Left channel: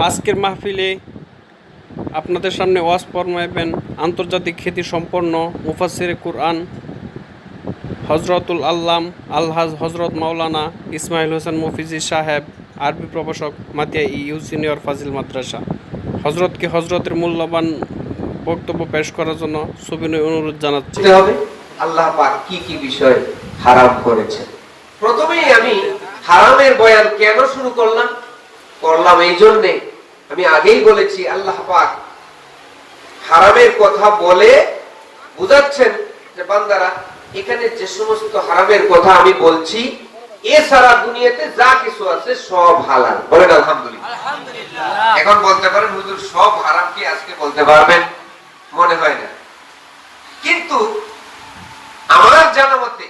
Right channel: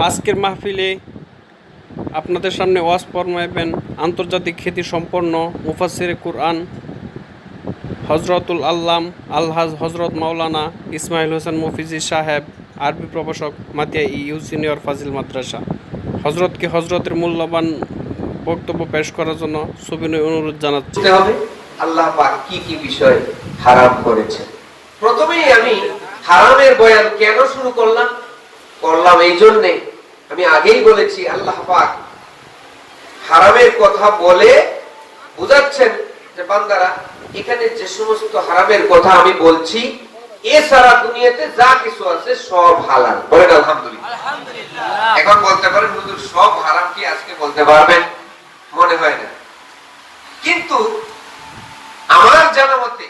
আজকের মাহফিলে আপনাদের সামনে ওয়াজ ফরমাইবেন আন্তর্জাতিক খ্যাতি সম্পন্ন মুফাসসিরে কুরআন হজরতুল আল্লাম আলহাজ হজরত মাওলানা ইসমাইল হোসেন মফিজি সাহেব, আরবি প্রভাষক, মাতিয়া ইউ সিনিয়র ফাজিল মাদ্রাসা। হজরতকে হজরতের মূল্যবান বক্তব্য পেশ করার জন্য সবিনয় অনুরোধ জানাচ্ছি। আল্লাহ পাক কি কি বিষয় হারাম করেছেন। প্রথমেই আমি হারামের বয়ান কেন শুরু করলাম এই জন্য আমি আগেই বলেছি, আল্লাহ পাক হারামের কথা বলে বুঝাচ্ছেন যে বান্দারা এখানে যে সমস্ত হারামের কথা আমি বলছি এছাড়া দুনিয়াতে যা কিছু আছে সব হালাল। বলেন আলহামদুলিল্লাহ। এখন বলতে পারেন হুজুর সব হারাম কি আজকে বলতে পারবেন? মনে হয় না। কিন্তু আমার জানা মতে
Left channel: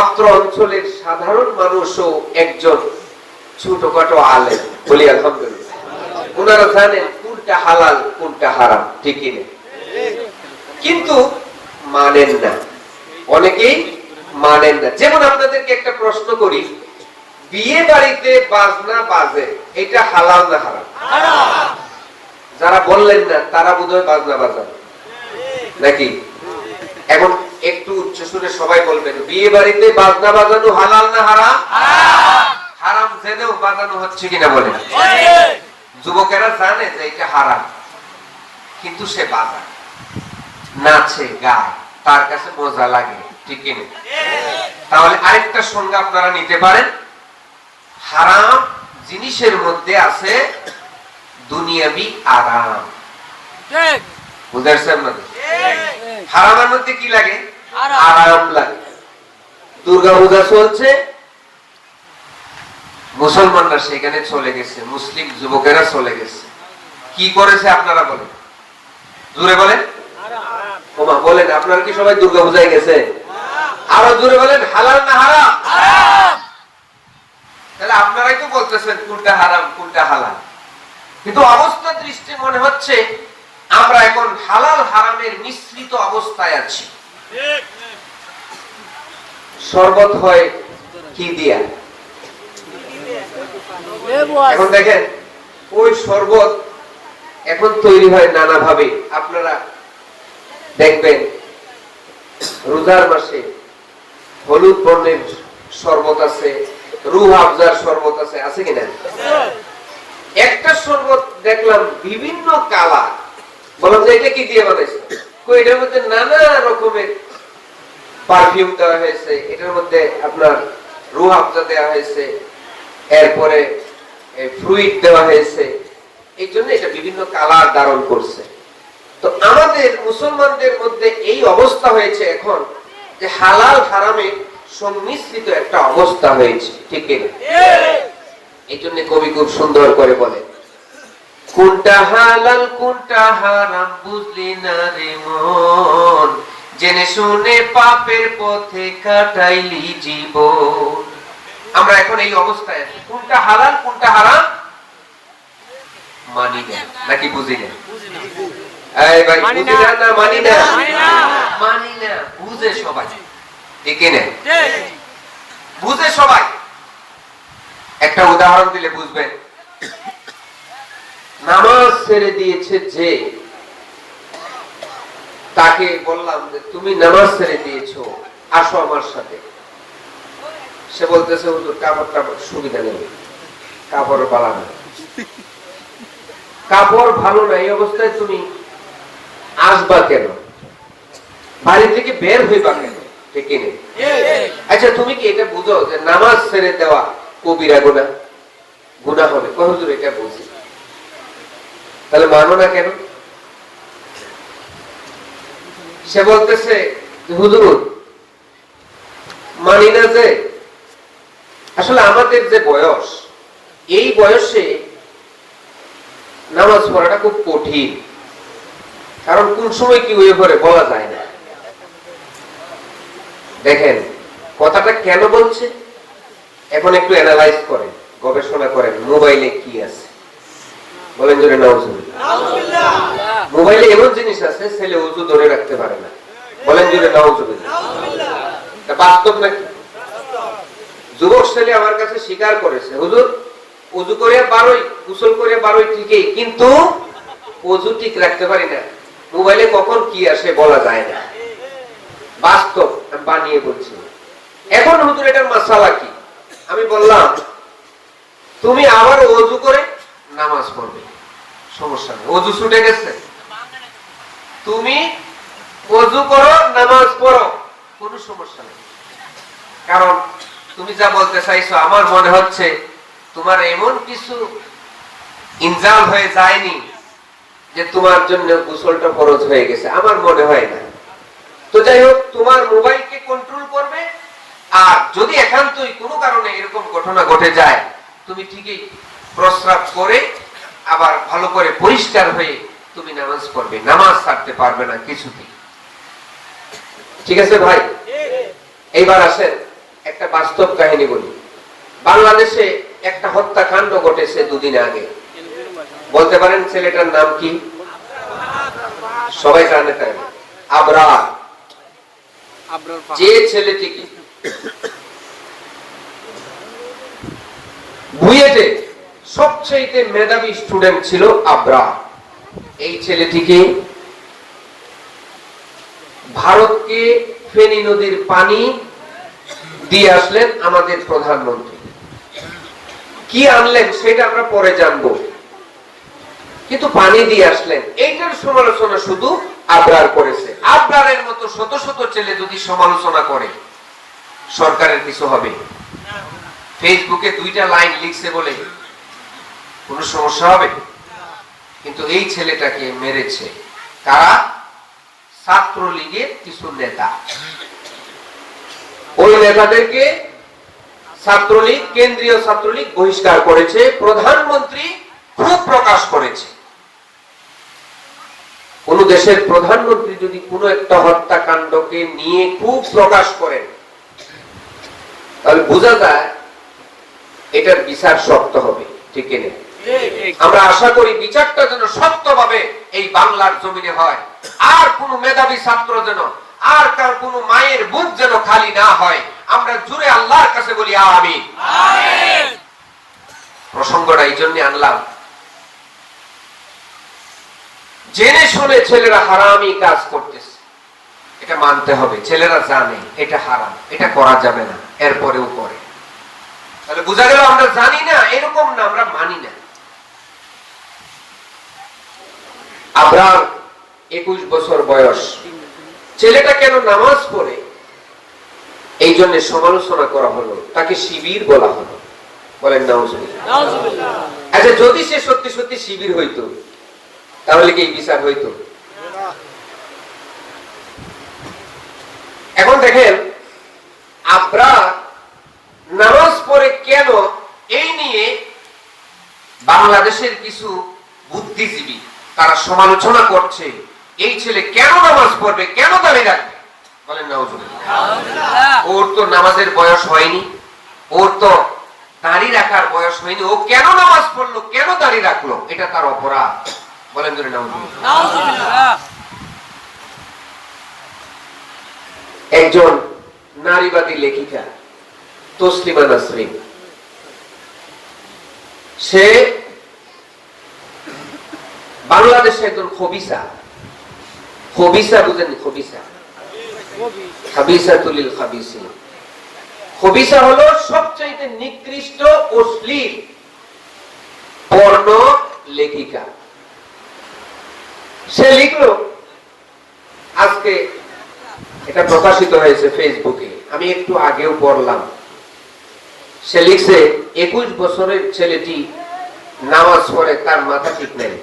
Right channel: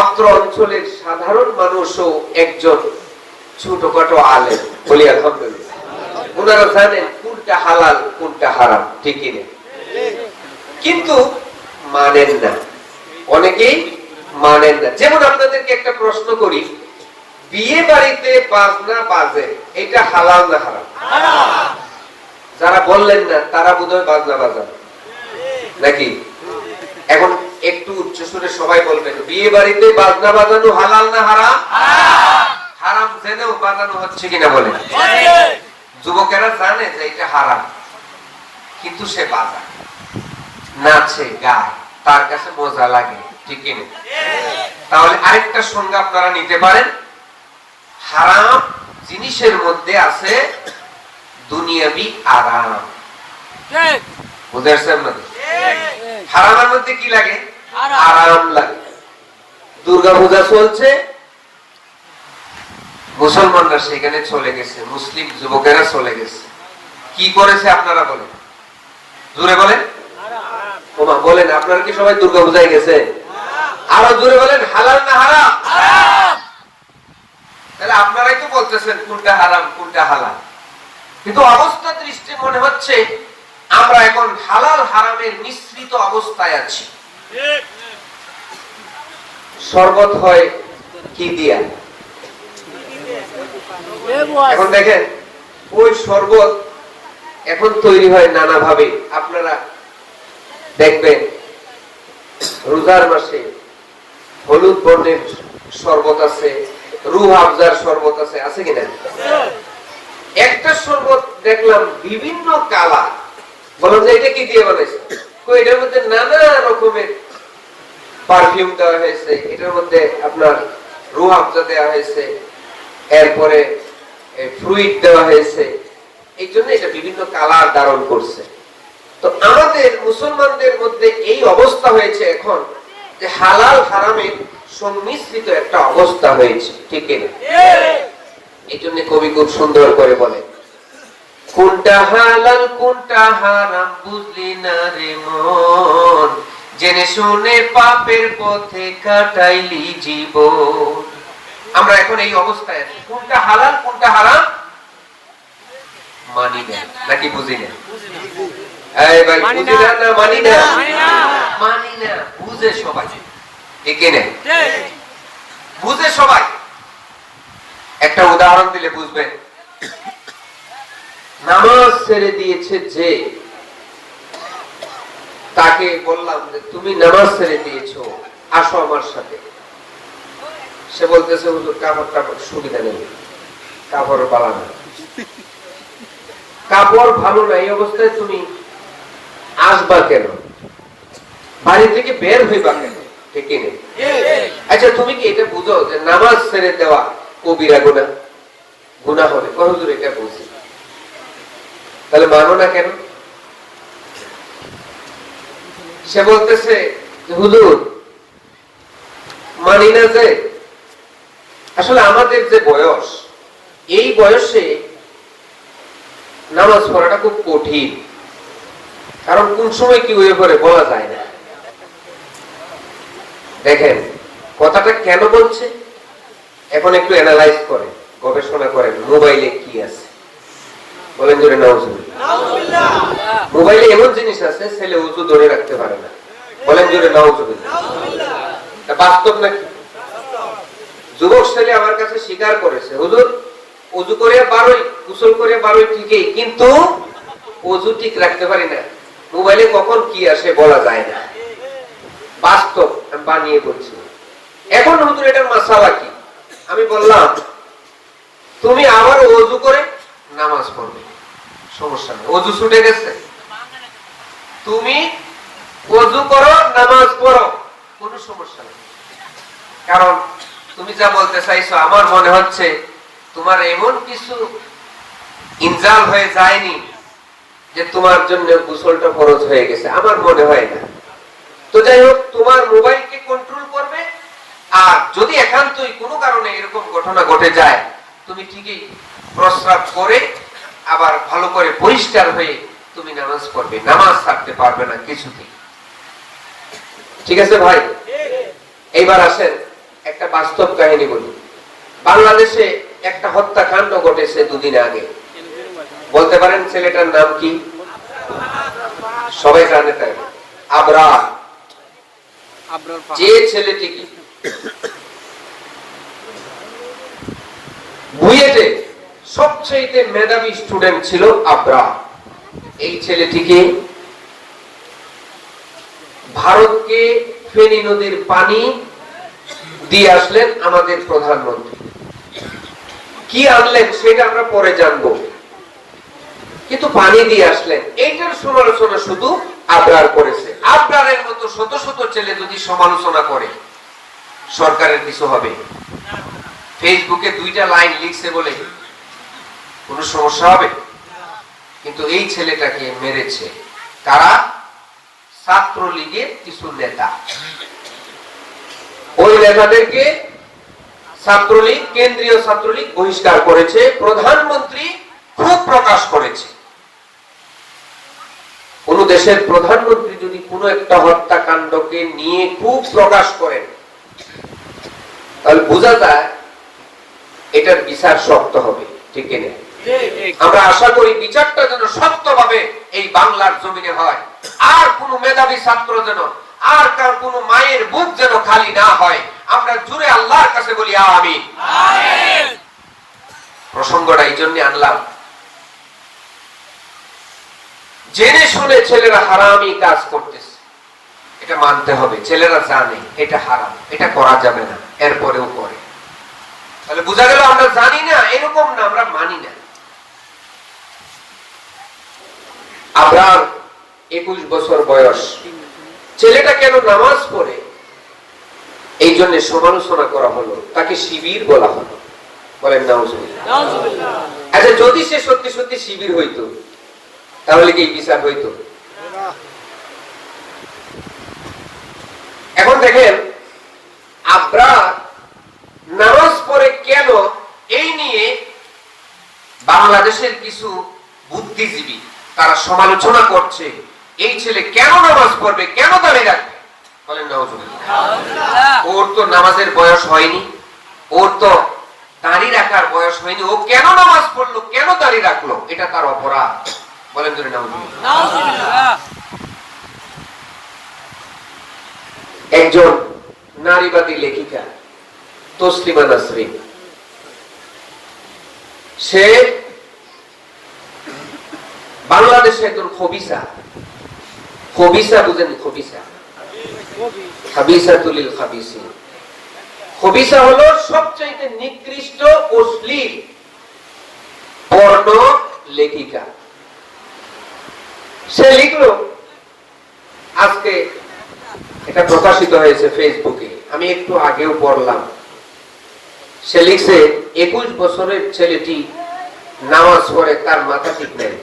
অত্র অঞ্চলের সাধারণ মানুষও একজন ছোটখাটো আলেম, বলি আলহামদুলিল্লাহ, ওনারা জানেন কোনটা হালাল কোনটা হারাম, ঠিকই না? কিন্তু মানেন না, অনেকেই মানেন না। যেমন আপনাদেরকে একটা প্রশ্ন করি, বিয়ে বাড়িতে বাজনা বাজে এটা হালাল না হারাম? যারা বললেন না তারা বোধহয় বাজনা বাজান নাকি? এখন একটু উচ্চ সুরে সবাই বলবেন, বিয়ে বাড়িতে বাজনা বাজানো হালাল না হারাম? হারাম জেনেও বাজানো হচ্ছে কিনা বলেন? যুবকেরা জানে যে এটা হারাম, কিন্তু সে বাজায়, নাচে, গায়, তার কাছে মজা লাগে, ঠিক না? তাহলে আরেকটা সংজ্ঞা আপনারা নিতে পারেন, হারাম জিনিসের মধ্যে আছে দুনিয়াবি আরাম। বুঝাচ্ছেন না? হারামের মধ্যে কি লাগে? আরাম লাগে। দুর্গা পূজা চলছে, মুসলমানরা সেখানে চলে গেছে, মুসলিম যুবকেরা চলে গেছে, কি করেছে আপনারা বলেন? জোরে বলেন, বলেন আপনারা কি সবাই দুর্গা পূজায় গেছে? আরো জোরে বলেন, হালাল না হারাম? তাহলে আপনারাই তো বলতেছেন কোনটা হারাম কোনটা হালাল, কিন্তু অবস্থা দৃষ্টি মনে হচ্ছে আমরা এখন হালাল হারামের মিশ্রিত অবস্থায় আছি। শরবত হয় কি দিয়া? এখন দেখেন ওই শরবত এখন তৈরি হয় নানা ভাবে। আপনারা দেখবেন রোজার মাসে হলুদ বর্ণের শরবত আছে, রুহ আফজার শরবত আছে, আছে কিনা? একটা শরবত দেখলাম বিভিন্ন কালার, বলুন যে এটা কি দিয়ে বানাইছে? এটার মধ্যে নানা রকমের পারফিউম দেওয়া হয়েছে, এটার মধ্যে আপনার রুহ আফজা দেওয়া হয়েছে, এরপরে ফ্রুইট দেওয়া হয়েছে, এই জন্য এটা বিভিন্ন কালার ধারণ করছে। তো আমাদের মুসলমানদের মধ্যে এই অবস্থা হয়েছে এখন যে হালাল হারামের সংমিশ্রিত একটা অবস্থা হয়েছে, ঠিক না? এই জন্য কবি খুব সুন্দর করে বলে, কোনটা হালাল কোনটা হারাম বুঝলি না রে মন, জেনে শুনে পাপের পথে কাটাইলি জীবন। আমরা এখন এই অবস্থায় আছি, কোনটা হালাল কোনটা হারাম মানি না, নাকি বুঝি না? বুঝে সবাই, ঠিক না? বুঝে সবাই। একটা উদাহরণ দিলে বুঝবেন। নামাজ ছেড়ে দিয়েছে যে, তাকে বললাম যে তুমি নামাজ ছেড়ে দিয়েছো, আসো আমার সাথে। সে বলতেছে কাপড় সুবিধা নেই, কাপড় ভালো না, কাপড় ভালো না, এই অবস্থায় তুমি আসবা কেন? বাড়ি থেকে বের হইবা কেন? ঠিক না? আচ্ছা তুমি কি এটা বুঝো যে নামাজ ছেড়ে দেওয়া কবিরা গুনাহ, গুনাহ হবে? হুজুর এটা বলছি, তাহলে মানো না কেন? সে বলতেছে হুজুর মানি না যে আসলে আমাদের যে বয়স, এই বয়সে নামাজ পড়াটা খুব কঠিন, কারণ কোন সময় কি হয়ে পড়ে বলা যায় না। দেখেন কথাটা কেন বলছে, এখন একটু অ্যানালাইজ করেন, গবেষণা করেন, মোবাইলে কি আছে বলেন ধরে নাউজুবিল্লাহ। মোবাইলে এমন জিনিস আছে ছেলে ওযু ধরে রাখতে পারে না, বলেন ধরে নাউজুবিল্লাহ। বাস্তব নাকি? যুবক ছেলে আমার কাছে স্বীকার করেছে, হুজুর ওযু করে বারোই গোসল করে বারোই ঠিকই, কিন্তু ওযু ঠিক রাখতে পারি না। মোবাইলে কখন কি আসে বলা যায় না, বাস্তব আমি বানিয়ে বলছি। এখন হুজুর এটার মাসালা কি? আমি বললাম তুমি আবার ওযু করে নামাজ পড়বে, সমস্যা নেই, ওযু ছুটে গেছে, তুমি ওযু করো নামাজ পড়ো, কোনো সমস্যা নেই। কারণ তুমি যা বলতে চাইছো আমার মনে হচ্ছে তোমার এমন কিছু ইনজাল হয়ে যায়নি যে তোমার জন্য গোসলটা ফরজ হয়ে গেছে, আমার মনে হয় না। তো যাই হোক, তোমার মোবাইলকে কন্ট্রোল করবে, আর যদি একান্তই কোনো কারণে এরকম ঘটনা ঘটে যায়, তুমি ঠিকই প্রস্রাব করে আবার ভালো করে পরিষ্কার হয়ে তুমি নামাজ পড়বে, নামাজ ছাড়তে পারবে না কিছুতেই। ঠিক আছে ভাই? এইবার আসেন একটা বাস্তব কাহিনী বলি। বাংলাদেশে একটা হত্যাকাণ্ড ঘটেছে দুদিন আগে। বলতে পারেন ছেলেটার নাম কি? সবাই জানে তাই, আবরার। যে ছেলেটি বুয়েটে সবচেয়ে মেধাবী স্টুডেন্ট ছিল আবরার, এই ছেলেটিকে ভারতকে ফেনী নদীর পানি দিয়ে আসলেন আমাদের প্রধানমন্ত্রী। কি আনলেন সেটা আমরা পরে জানবো, কিন্তু পানি দিয়ে আসলেন। এইটার সমালোচনা শুধু আবরার করেছে। আবরারের মতো শত শত ছেলে যদি সমালোচনা করে, সরকারের কিছু হবে? ফেসবুকে 2টা লাইন লিখছে বলে কোনো সমস্যা হবে? কিন্তু এই ছেলেটাকে মেরেছে কারা? ছাত্রলীগের কিছু নেতা। ওই নেতাদেরকে ছাত্রলীগ, কেন্দ্রীয় ছাত্রলীগ বহিষ্কার করেছে, প্রধানমন্ত্রী খুব প্রকাশ করেছে। কোন দেশের প্রধানমন্ত্রী যদি কোনো একটা হত্যাকাণ্ডকে নিয়ে খুব প্রকাশ করেন, তাহলে বোঝা যায় এটার বিচার শক্ত হবে, ঠিক কিনা? আমরা আশা করি বিচারটা যেন শক্তভাবে এই বাংলার জমিনে হয়, আর কোন মেধাবী ছাত্র যেন, আর কার কোন মায়ের বুক যেন খালি না হয়। আমরা জুড়ে আল্লাহর কাছে বলি আমিন। প্রসঙ্গটা এই জন্য আনলাম, জেনে শুনে ছেলেরা হারামি কাজ করতেছে, এটা মানতে হবে। ছেলেরা জানে এটা হারাম, এটা করা যাবে না, এরপরেও করে। তাহলে বোঝা গেল আমরা জানি না এরকম না, আমরা মানি না। আবরার 21 বছর বয়স, ছেলেটা কেন নামাজ পড়ে এই জন্য সমালোচনা করা হলো, তাকে শিবির বলা হলো। বলেন নাউজুবিল্লাহ। আচ্ছা, যদি সে সত্যি সত্যি শিবির হইতো তাহলে কি বিচার হইতো? এখন দেখেন আবরার নামাজ পড়ে কেন, এই নিয়ে বাংলাদেশের কিছু বুদ্ধিজীবী তারা সমালোচনা করছে। এই ছেলে কেন নামাজ পড়বে, কেন দাঁড়িয়ে রাখবে? বলেন নাউজুবিল্লাহ। ওর তো নামাজের বয়স হয়নি, ওর তো দাঁড়িয়ে রাখার বয়স হয়নি, ও কেন নামাজ পড়লো, কেন দাঁড়িয়ে রাখলো, এটা তার অপরাধ। বলেন ধরে নাউজুবিল্লাহ। একজন নারীবাদী লেখিকা তসলিমা নাসরিন, সে বাংলাদেশে একজন খবিসা। খবিসা বুঝেন? খবিসা, খাবিসাতুল খাবিসিন। খবিসা হলো সবচেয়ে নিকৃষ্ট অশ্লীল পর্ণ লেখিকা। সে লিখলো, আজকে এটা প্রকাশিত হয়েছে ফেসবুকে, আমি একটু আগেও পড়লাম। সে লিখছে 21 বছরের ছেলেটি নামাজ পড়ে, তার মাথা ঠিক নেই,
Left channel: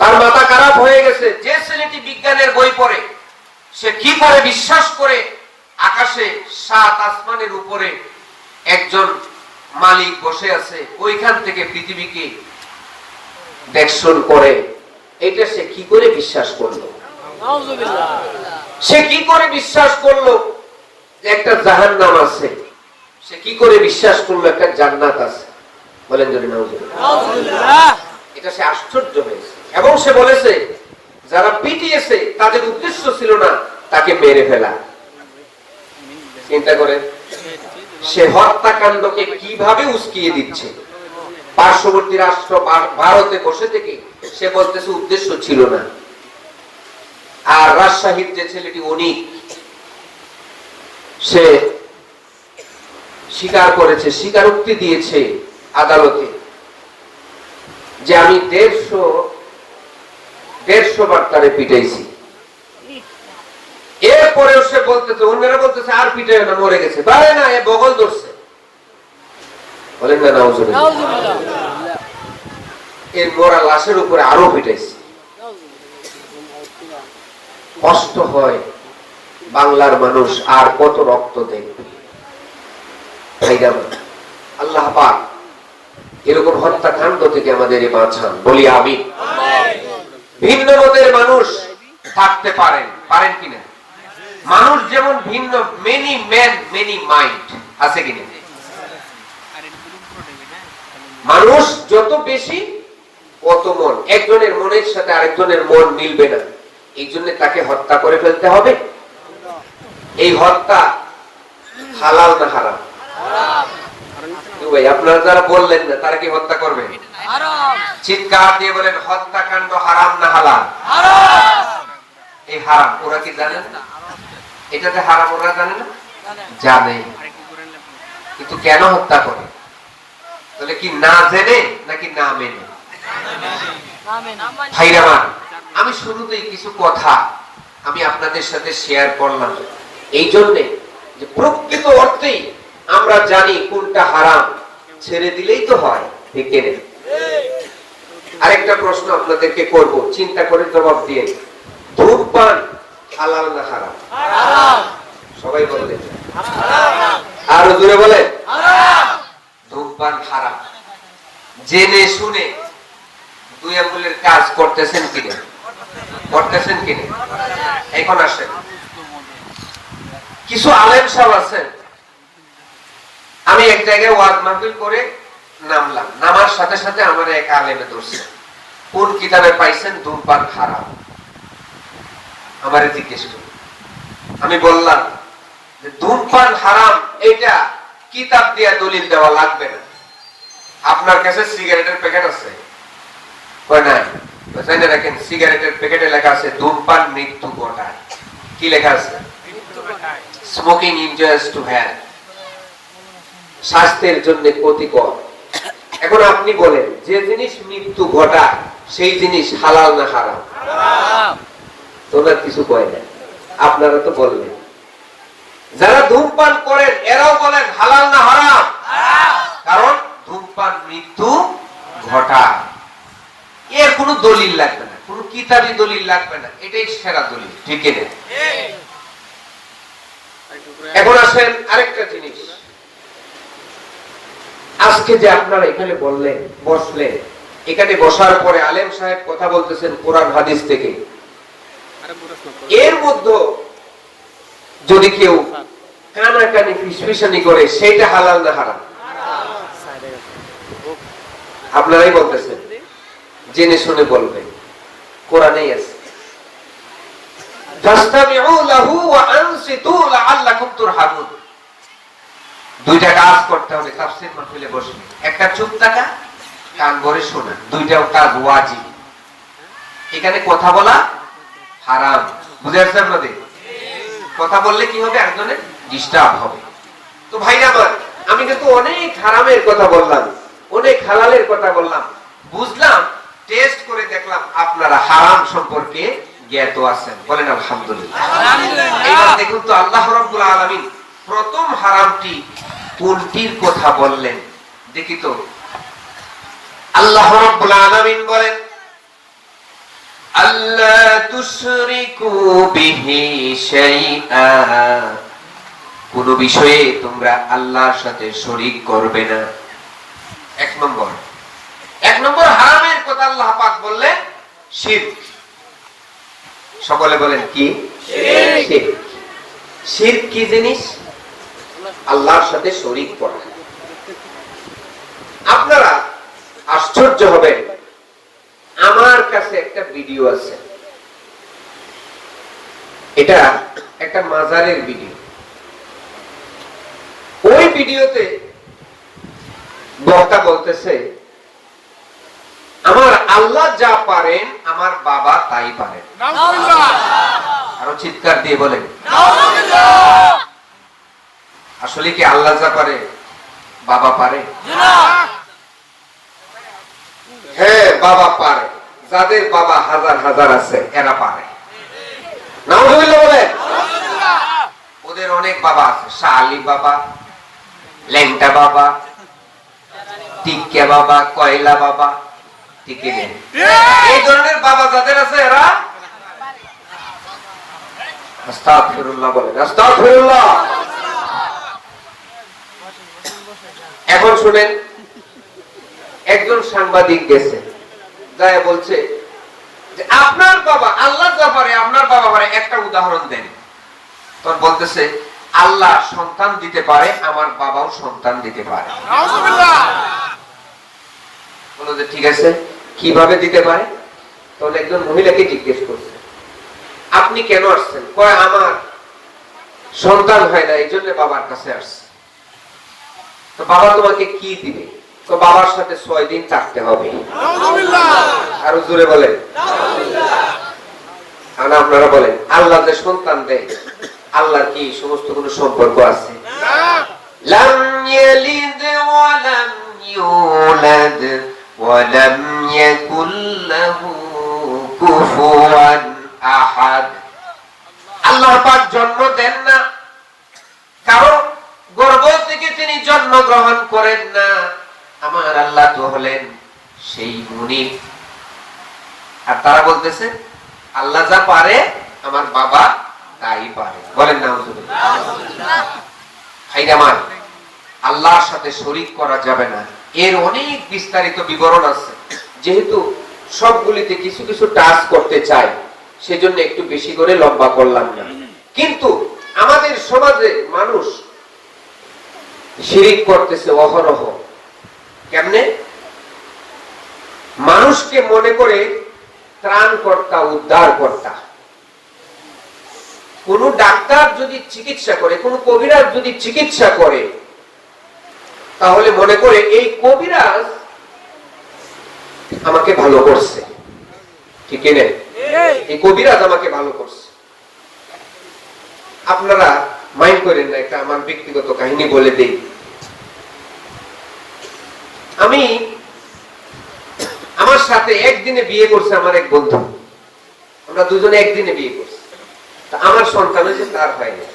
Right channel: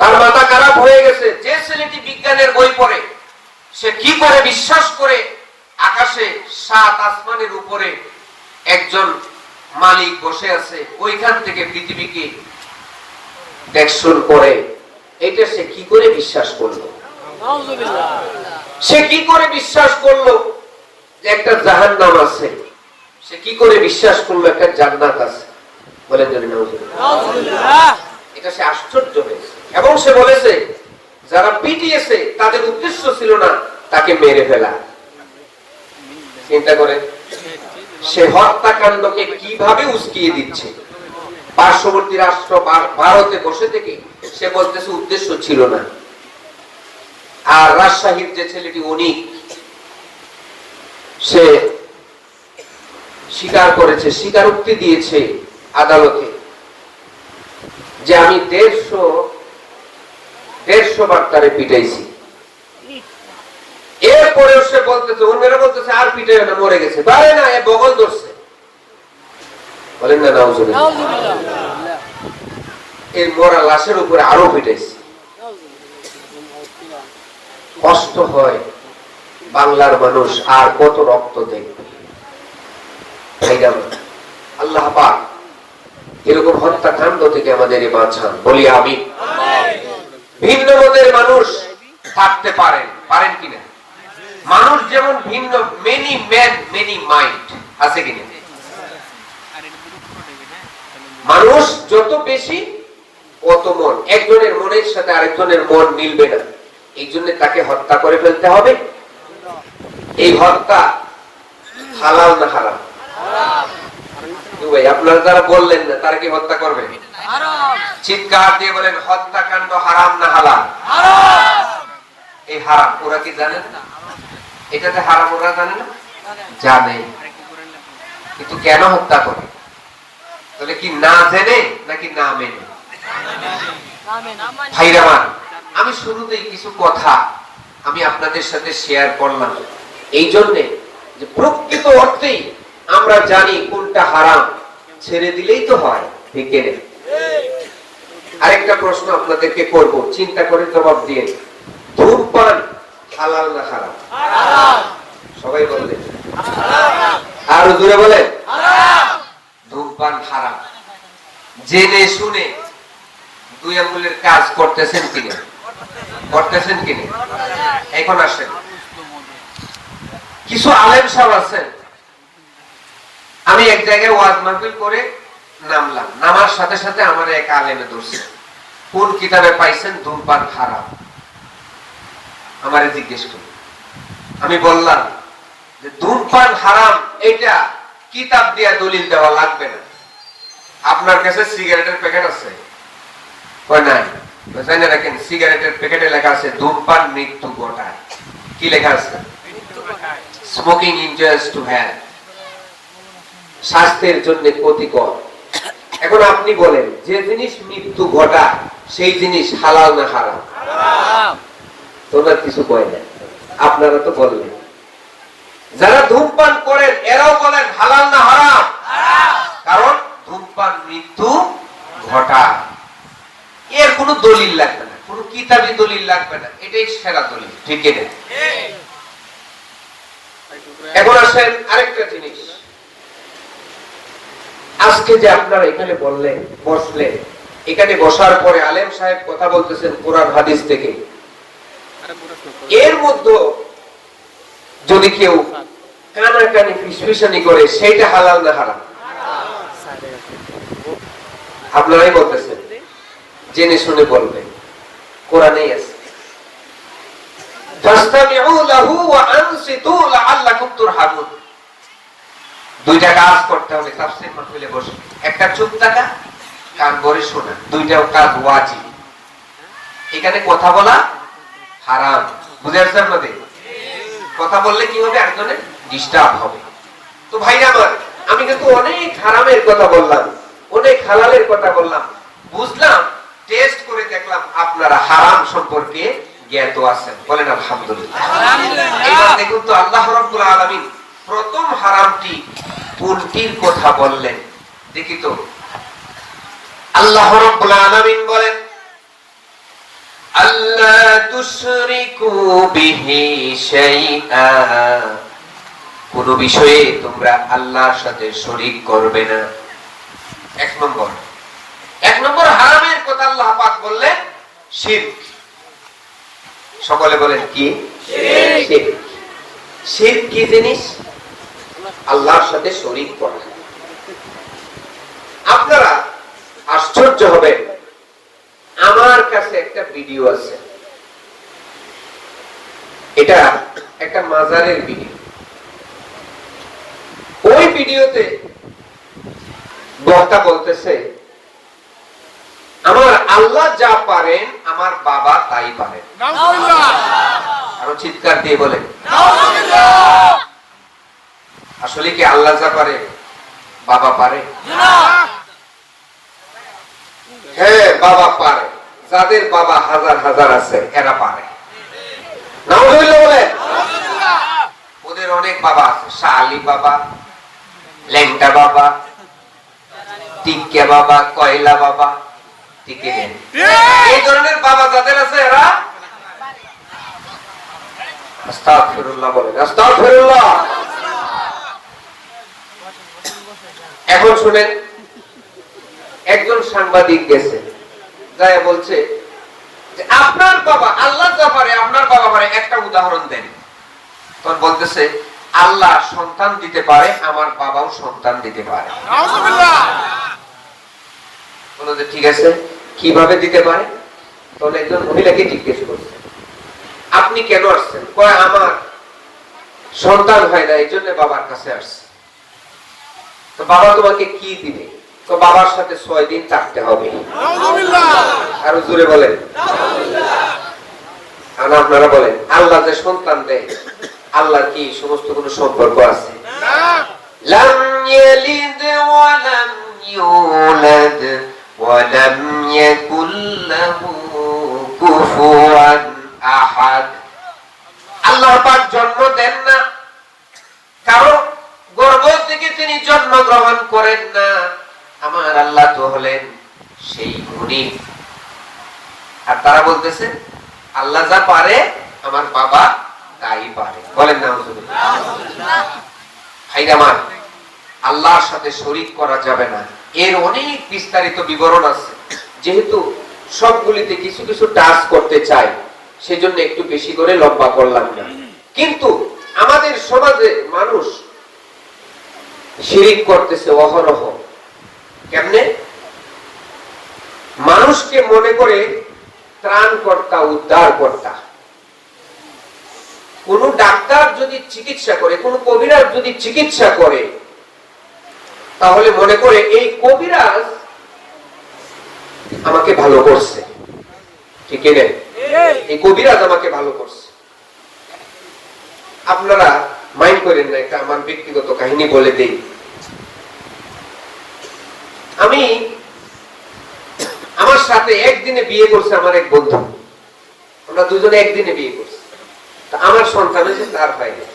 তার মাথা খারাপ হয়ে গেছে। যে ছেলেটি বিজ্ঞানের বই পড়ে, সে কি করে বিশ্বাস করে আকাশে 7 আসমানের উপরে একজন মালিক বসে আছে, ওইখান থেকে পৃথিবীকে দেখশন করে, এটা সে কি করে বিশ্বাস করলো? সে কি করে বিশ্বাস করলো যে একটা জাহান্নাম আছে? সে কি করে বিশ্বাস করলো একটা জান্নাত আছে? বলেন যদি নাউজুবিল্লাহ। এটা সে আশ্চর্য হয়েছে, এবং সে বলেছে যারা পিটিয়েছে তাদের উদ্দেশ্য ছিল না তাকে মেরে ফেলা। চিন্তা করেন সে হত্যাকাণ্ডকে কিভাবে উস্কিয়ে দিচ্ছে। পার্শ্ববর্তী রাষ্ট্র ভারতে বসে থেকে সে বলতেছে উদ্দেশ্য ছিল না। আর রাজশাহীর যে ছেলেটি উনি সে স্বীকার করেছে, স্বীকারোক্তি দিয়েছে আদালতে যে আমি 150 বার তারে পিটাইছি। এরপরে সে বলতেছে, অন্যরা বলতেছে আর পিটাই না, মরে গেছে। তারে না, এ বগল ধরছে। বলেন না নাউজুবিল্লাহ। এর মরা লাশের উপরে আরো পিটাইছে। কষ্ট হয়, বাংলার মানুষ আর কত রক্ত দেখবে। আল্লাহ পাক এরকম হত্যাকাণ্ড থেকে আমাদের বাঁচান, বলি আমি। ভিন্ন মতের মানুষ থাকতে পারেন, পারেন কিনা? মানুষ যেমন ভিন্ন, মেনি ম্যান মেনি মাইন্ড, আছে কিনা? মানুষ যত বেশি অত মন, একজনের মনের সাথে আরেকজনের মন মিলবে না, এই জন্য তাকে হত্যা করে ফেলতে হবে। এই হত্যা হালাল না হারাম? আপনারা যারা বললেন না, তারা কি হত্যা করবে? চিৎকার দিয়ে বলেন, হত্যাকাণ্ড হারাম না হালাল? এই হারাম ওরা কি জানে না? এটাতে হারাম ওরা জানে না? জানে, কিন্তু কেন হত্যা করে? তাহলে কি না জেনে নাকি না মেনে? ভাইরা, আমি শুরুতেই কিছু কথা আমি আপনাদের সাথে শেয়ার করলাম এই জন্যে যে প্রকৃত অর্থেই আমরা জানি কোনটা হারাম, ছেড়ে দিলেই তো হয়, ঠিক না? আরেকটা প্রশ্ন আপনাদেরকে করব, চিন্তা করে জবাব দিয়ে। ধূমপান হালাল না হারাম? সবাই বলবেন, আরো জোরে বলেন। ধূমপান হারাম। জেনে শুনে দুই আঙ্গুলের কাজ করতেছেন কিনা? করতেছেন কিনা? এখন আসেন, কিছু আলেম সাহেব আছেন। আমি এক জায়গায় ওয়াজ মাহফিল করে নামলাম, নামার সাথে সাথে আমার এক আলেমে ধরছে, কোন কিতাবে পাইছেন ধূমপান হারাম? আমারে জিজ্ঞেস করে। আমি বললাম যে ধূমপান হারাম এটা কিতাব দিয়া দলিল দেওয়া লাগবে না। আপনার কাছে সিগারেটের প্যাকেট আছে? রাখেন, সিগারেটের প্যাকেটে লেখা আছে ধূমপান মৃত্যু ঘটায়। কি লেখা আছে? স্মোকিং ইনজুরিয়াস টু হেলথ, স্বাস্থ্যের জন্য ক্ষতিকর। এখন আপনি বলেন, যে জিনিস মৃত্যু ঘটায় সেই জিনিস হালাল না হারাম? তোমরা কিছু কয় না, আপনারা তো বললেন। যারা ধূমপান করেন এরাও বলেন হালাল না হারাম? কারণ ধূমপান মৃত্যু ঘটায়। এর কোনো দলিল লাগবে না, কোনো কিতাবি দলিল লাগবে না, এটাই সেরা দলিল, ঠিক না? এখন আসেন আরেকটা জিনিস। আজকে যে আপনারা এখানে বললেন, বসলেন, এখানে বসার পরে আলেম সাহেব কথা বলতেছেন কোরআন হাদিস থেকে, এর মধ্যে যদি কেউ কানাকানি ফিসফিসানি করে, সেইটা হালাল না হারাম? আপনারাই বলতেছেন, জেনে শুনে বলবেন, কোরআনেই আছে। দুইটা কাজ করতে হবে তাফসীর মাহফিলে বসে। একটা চুপ থাকা, কান ভরে শোনা, দুইটাও কাজ ওয়াজিব। এখানে কথা বলা হারাম, বুঝে আসছে আপনাদের? কথা বললে কি হবে? একজনের ডিস্টার্ব হবে। তো ভাইরা আমার, আমি কিন্তু অনেক হারামের কথা বললাম, অনেক হালালের কথা বললাম, বুঝলাম, টেস্ট করে দেখলাম আপনারা হারাম সম্পর্কে জ্ঞাত আছেন। বলেন আলহামদুলিল্লাহ। এবার দেখুন তো, আল্লাহ রাব্বুল আলামিন প্রথম হারামটি কোনটির কথা বললেন দেখি তো। আল্লাহ রাব্বুল আলামিন বলেন, আল্লাহ তুশরিকু বিহি শাইআ, কোন বিষয়ে তোমরা আল্লাহর সাথে শরীক করবে না। এক নম্বর হারামের কথা আল্লাহ পাক বললেন শিরক। সকলে বলেন কি? শিরক। শিরক কি জিনিস? আল্লাহর সাথে শরীক করা। আপনারা আশ্চর্য হবেন, আমার কাছে একটা ভিডিও আছে, এটা একটা মাজারের ভিডিও। ওই ভিডিওতে বক্তা বলতেছে আমার আল্লাহ যা পারেন আমার বাবা তাই পারেন। আরো চিৎকার দিয়ে বলেন আসলে কি আল্লাহ যা পারে বাবা পারে? হ্যাঁ, বাবা পারে। যাদের বাবা হাজার হাজার আছে এরা পারে না হইলে বলে ওদের অনেক বাবা আছে। শাহ আলী বাবা, লেংটা বাবা, টিকা বাবা, কয়লা বাবা, টিকে এই ধরনের বাবা যাদের আছে এরা আস্তাগফিরুল্লাহ বলেন, আস্তাগফিরুল্লাহ। এখন শুনেন, একজন সাংবাদিক গেছে, যাই বলছে যে আপনার বাবা আল্লাহ যা পারে আপনার বাবা পারে, একটা উদাহরণ দেন। তখন বলতেছে আল্লাহ সন্তান দিতে পারে, আমার বাবাও সন্তান দিতে পারে। বলতে ঠিক আছে, কিভাবে দিতে পারে? তখন একজন মহিলাকে জিজ্ঞেস করছে আপনি কেন আসছেন? কয় আমার সন্তান হয় না, এই জন্য বাবার কাছে আসছে। তো বাবা তোমাকে কি দিবে? তো বাবার সাথে 6 দিন থাকতে হবে। আরো জোরে বলেন। আর আপনারা বলেন আল্লাহ যে সন্তান দেয়, আল্লাহর কি সমস্ত কোন সম্পর্ক আছে? লাম ইয়ালিদ ওয়া লাম ইউলাদ ওয়া লাম ইয়াকুল লাহু কুফুয়ান আহাদ। আল্লাহ পাক জন্ম দেন না, কারণ গর্ভ থেকে তিনি জন্ম গ্রহণ করেন না। আমার আল্লাহ তো হলেন সেই গুণী। আর তারা বলতেছে আল্লাহ যা পারে আমার বাবা তাই পারে। বলেন না ভাইরামান, আল্লাহর সাথে শরীক করা যাবে না। এর অনেক বিস্তারিত বিবরণ আছে, যেহেতু সবগুলিতে কিছু কিছু টাচ করতে চাই সেজন্য একটু বেশি করে লম্বা করলাম না। কিন্তু আমাদের সমাজে মানুষ শিরিক করতেছে অহরহ। কেমনে? মানুষকে মনে করে ত্রাণকর্তা, উদ্ধারকর্তা। কোন ডাক্তার যদি চিকিৎসা করে, কোন কবিরাজ যদি চিকিৎসা করে, তাহলে মনে করে এই কবিরাজ আমাকে ভালো করছে। ঠিক আছে, এই কবিরাজ আমাকে ভালো করছে। আপনারা মাইন্ড করেন না, একটা আমার ব্যক্তিগত কাহিনী বলে দেই। আমি আমার সাথে একদিনে বিয়ে করছে আমার এক বন্ধু, আমরা দুজনে একদিনে বিয়ে করছি। আমার সন্তান হয়েছে, তার হয়নি।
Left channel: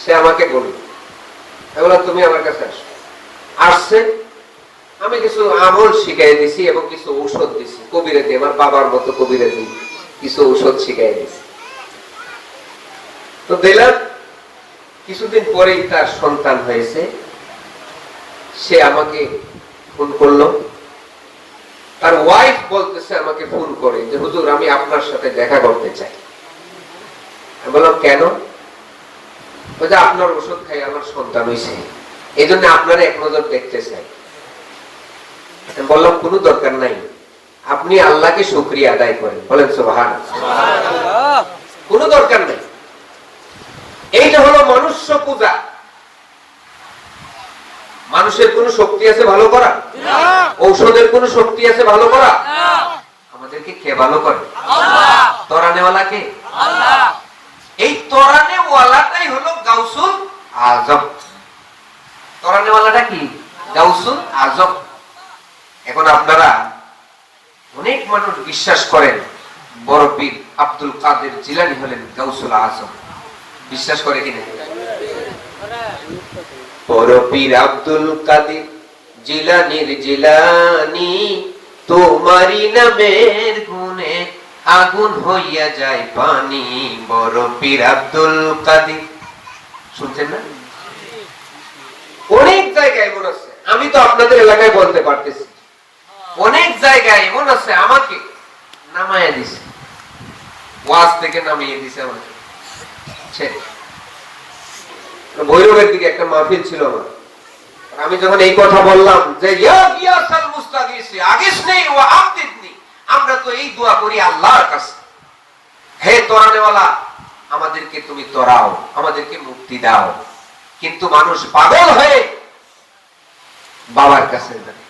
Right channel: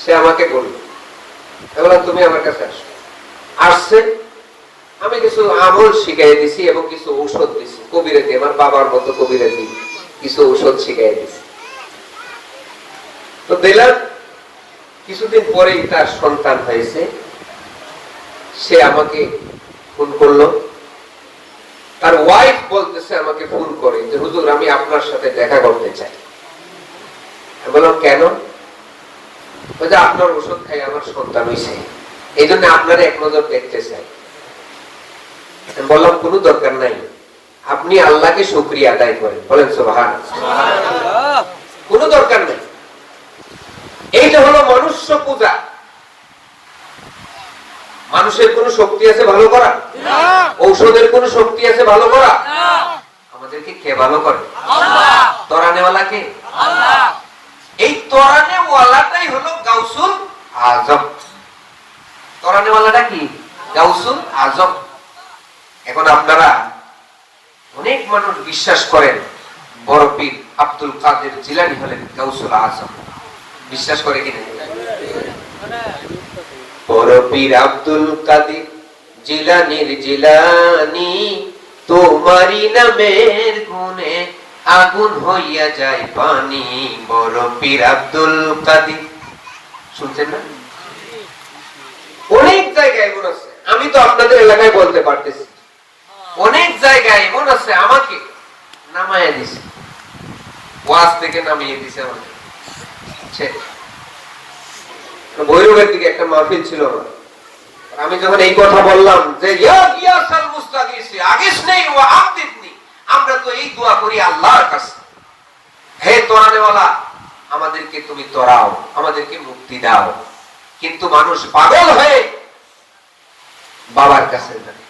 সে আমাকে বলল তুমি আমার কাছে আসো। আসছে, আমি কিছু আমল শিখাই দিছি এবং কিছু ঔষধ দিছি, কবিরে দিয়ে, আমার বাবার মতো কবিরে দিয়ে কিছু ঔষধ শিখাই দিছি। তো দিলাম, কিছুদিন পরেই তার সন্তান হয়েছে। সে আমাকে ফোন করলো, তার ওয়াইফ বলতেছে আমাকে ফোন করে যে হুজুর আমি আপনার সাথে দেখা করতে চাই। আমি বললাম কেন? বলছে আপনার ওষুধ খাই আমার সন্তান হয়েছে, এই জন্য আপনারা এক নজর দেখতে চাই। আমি বললাম কোনো দরকার নাই, আপনি আল্লাহকে শুকরিয়া আদায় করেন। বলেন সুবহানাল্লাহ। কোনো দরকার নেই। এইটা হলো মনুষ্য পূজা। মানুষের কোন শক্তি আছে ভালো করা? ঔষধের কোন শক্তি আছে ভালো করা? আমাদেরকে কে ভালো করে? আল্লাহ। তরানেওয়ালা কে? আল্লাহ। এই তরানেওয়ালাটাই হলো গাউসুল আজম। তরানেওয়ালাটা কি? গাউসুল আজম। এখন আপনারা অনেক মানুষ বিশ্বাস করেন বড় পীর আব্দুল কাদের জিলানী হলেন গাউসুল আজম। বিশ্বাস করে কিনা? বড় পীর আব্দুল কাদের জিলানীর জিলানী, তোমারি নামের গুণে আগুন হইয়া যায় পানি। বড় পীর আব্দুল কাদের, শুনছেন না? অনেক জায়গায় এমন আছে, আমি তো আপনাদের এলাকায় বলতে পারতেছি, অনেক জায়গায় এমন আছে আমাকে নামাইয়া দিছে, ওয়াজ থেকে নামিয়ে দিছে আমাকে। ভৈরবের দিকে একটা মাহফিল ছিল না, আমি যখন এই কথা বললাম যে আমরা তো এই দোয়া করি আল্লাহর কাছে, হে তরানেওয়ালা আমাদেরকে তুমি তরাও, আমাদেরকে মুক্তি দাও। কিন্তু মানুষ পাগল হয়ে বাবার কাছে যায়,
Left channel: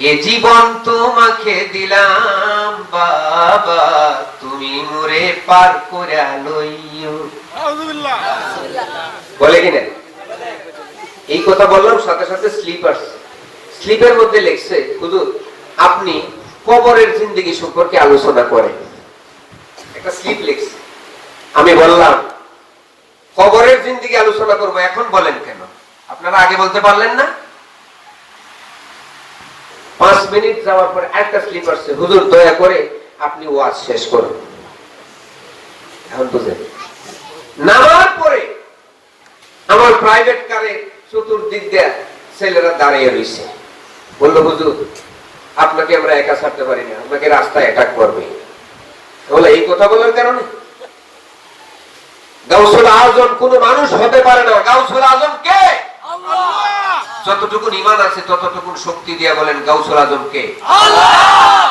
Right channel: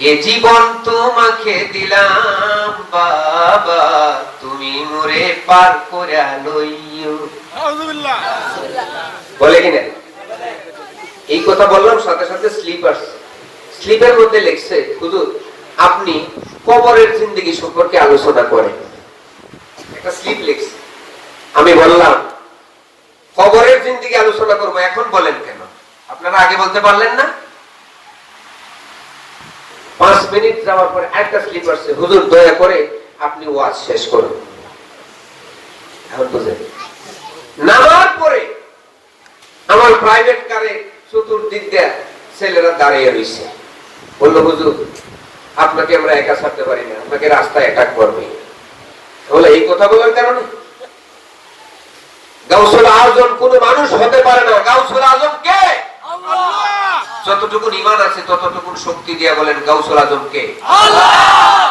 এ জীবন তোমাকে দিলাম বাবা, তুমি মোরে পার করে লইও। বলে কিনা? এই কথা বললাম, সাথে সাথে স্লিপ আসছে। স্লিপের মধ্যে লেখছে, হুজুর আপনি কবরের জিন্দেগি সম্পর্কে আলোচনা করেন। একটা স্লিপ লিখছে। আমি বললাম কবরের জিন্দেগি আলোচনা করবো, এখন বলেন কেন? আপনারা আগে বলতে পারলেন না? 5 মিনিট যাওয়ার পরে একটা স্লিপ আসছে, হুজুর দয়া করে আপনি ওয়াজ শেষ করুন। এখন বুঝলেন? নামার পরে আমার প্রাইভেট কারে চতুর্দিক দিয়ে ছেলেরা দাঁড়িয়ে রয়েছে, বললো হুজুর আপনাকে আমরা একা ছাড়তে পারি না, আপনাকে রাস্তায় অ্যাটাক করবে। বলে এই কথা বলার কারণে গাউসুল আজম কোন মানুষ হতে পারে না। গাউসুল আজম কে? আল্লাহ। যতটুকু ঈমান আছে ততটুকু শক্তি দিয়া বলেন গাউসুল আজম কে? আল্লাহ।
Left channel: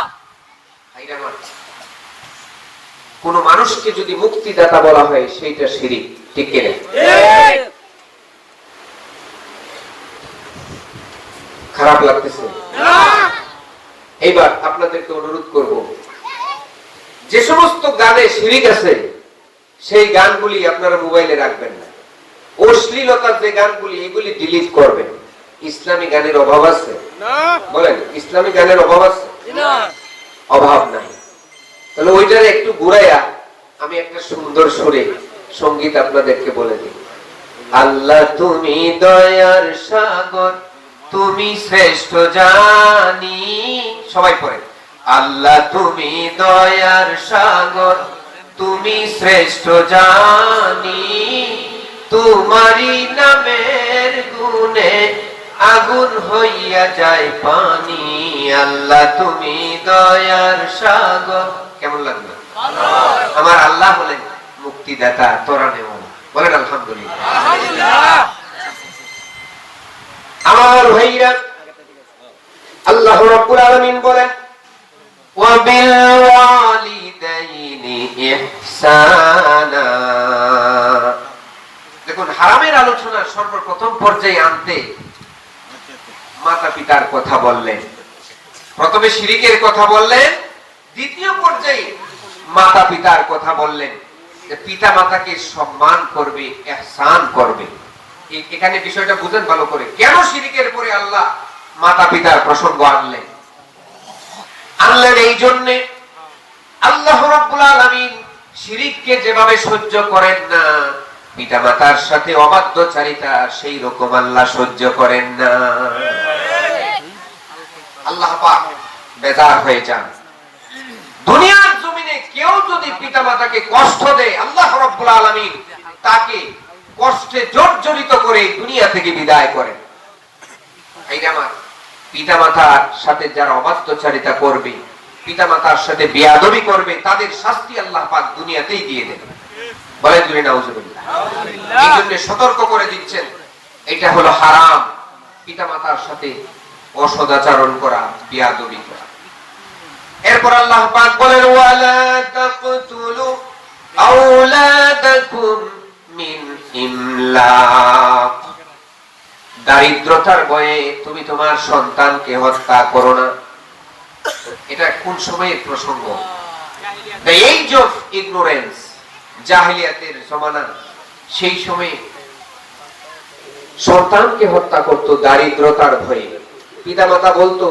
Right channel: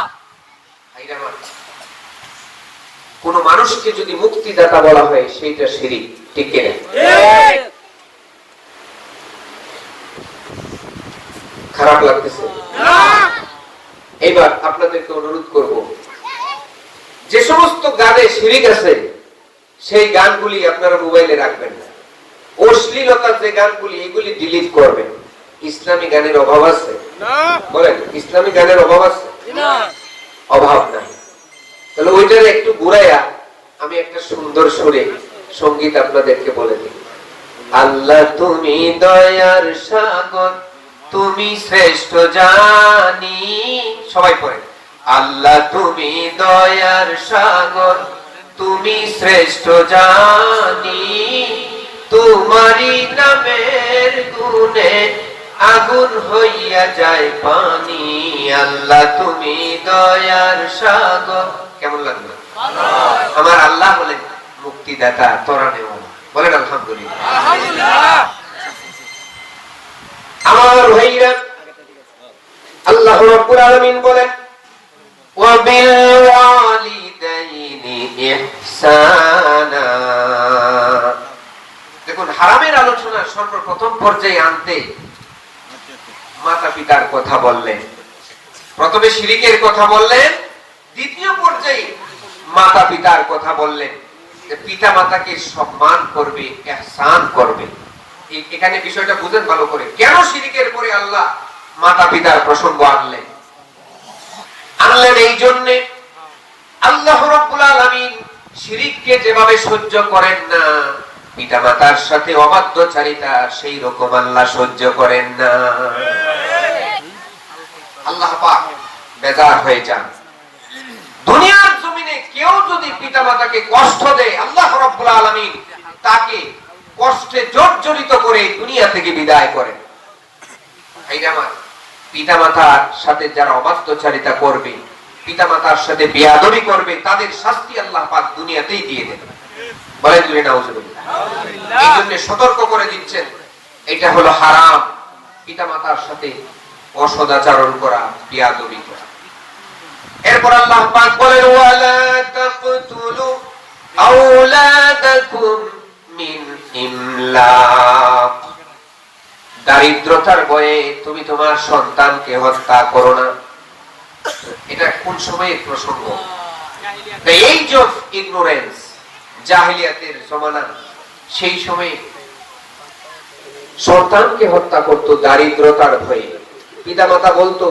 কোন মানুষকে যদি মুক্তিদাতা বলা হয় সেইটা শিরিক, ঠিক কিনা? খারাপ লাগতেছে? এইবার আপনাদেরকে অনুরোধ করব, যে সমস্ত গানে শিরিক আছে সেই গানগুলি আপনারা মোবাইলে রাখবেন না। অশ্লীলতার যে গানগুলি, এগুলি ডিলিট করবেন। ইসলামী গানের অভাব আছে? বলেন, ইসলামী গানের অভাব আছে? অভাব নাই। তাহলে ওইটার একটু ঘুরাইয়া আমি একটা সুন্দর সুরে সঙ্গীত আপনাদেরকে বলে দিই। আল্লাহ তুমি দয়ার সাগর, তুমি শ্রেষ্ঠ জানি। সবাই পড়ে, আল্লাহ তুমি দয়ার সাগর, তুমি শ্রেষ্ঠ জানি। তোমারি নামের গুণে আগুন হইয়া যায় পানি। আল্লাহ তুমি দয়ার সাগর। কেমন লাগলো? আমার আল্লাহ বলেন মুক্তিদাতা, তরানে বলেন আলহামদুলিল্লাহ। আমার ভাইরা, আল্লাহ রাব্বুল আলামিন বলেন ওয়াবিল ওয়ালিদাইনি ইহসানা। দেখুন, হারামের আলোচনা সর্বপ্রথম পর্যায়ে আনতে মাতা পিতার কথা বললেন, প্রথমে শিরিকের কথা বললেন, দ্বিতীয় পর্যায়ে মাতা পিতার কথা বললেন। পিতা মাতাকে সম্মান করবে, ইহসান করবে। এখানে বিষয়টা বুঝেন ভালো করে, কেন শিরিকের পরে আল্লাহ মাতা পিতার প্রসঙ্গ আনলেন? এই জন্য আল্লাহ রাব্বুল আলামিন শিরিককে যেভাবে সহ্য করেন না, পিতা মাতার সাথে অবাধ্যচারিতা সেই রকম আল্লাহ সহ্য করেন না। আল্লাহ পাক বেজার হয়ে যান। দুনিয়ার জমিনে কেউ যদি পিতা মাতাকে কষ্ট দেয়, আল্লাহ রাব্বুল আলামিন তাকে কষ্টে জর্জরিত করে দুনিয়া থেকে বিদায় করেন। পিতা মাতার সাথে যারা অবাধ্যচারিতা করবে, পিতা মাতার সাথে বেয়াদবি করবে, তাদের শাস্তি আল্লাহ পাক দুনিয়াতেই দিয়ে দেবেন। বলেন নাউজুবিল্লাহ। এই জন্য সতর্ক করে দিচ্ছেন, এটা হলো হারাম, পিতা মাতার সাথে অসদাচরণ করা, বেয়াদবি করা। এরপর আল্লাহ পাক বলেন ওয়ালা তাকতুলু আওলাদাকুম মিন ইমলাক। দারিদ্রতার ভয়ে তুমি তোমার সন্তানকে হত্যা করো না। এটা কোন সময়ের প্রসঙ্গ? দ্য এজ অফ ইগনোরেন্স, জাহেলিয়াতের জমানা। সেই সময়ে সন্তানকে হত্যা করত দারিদ্রতার ভয়ে। পিতামাতা বলতো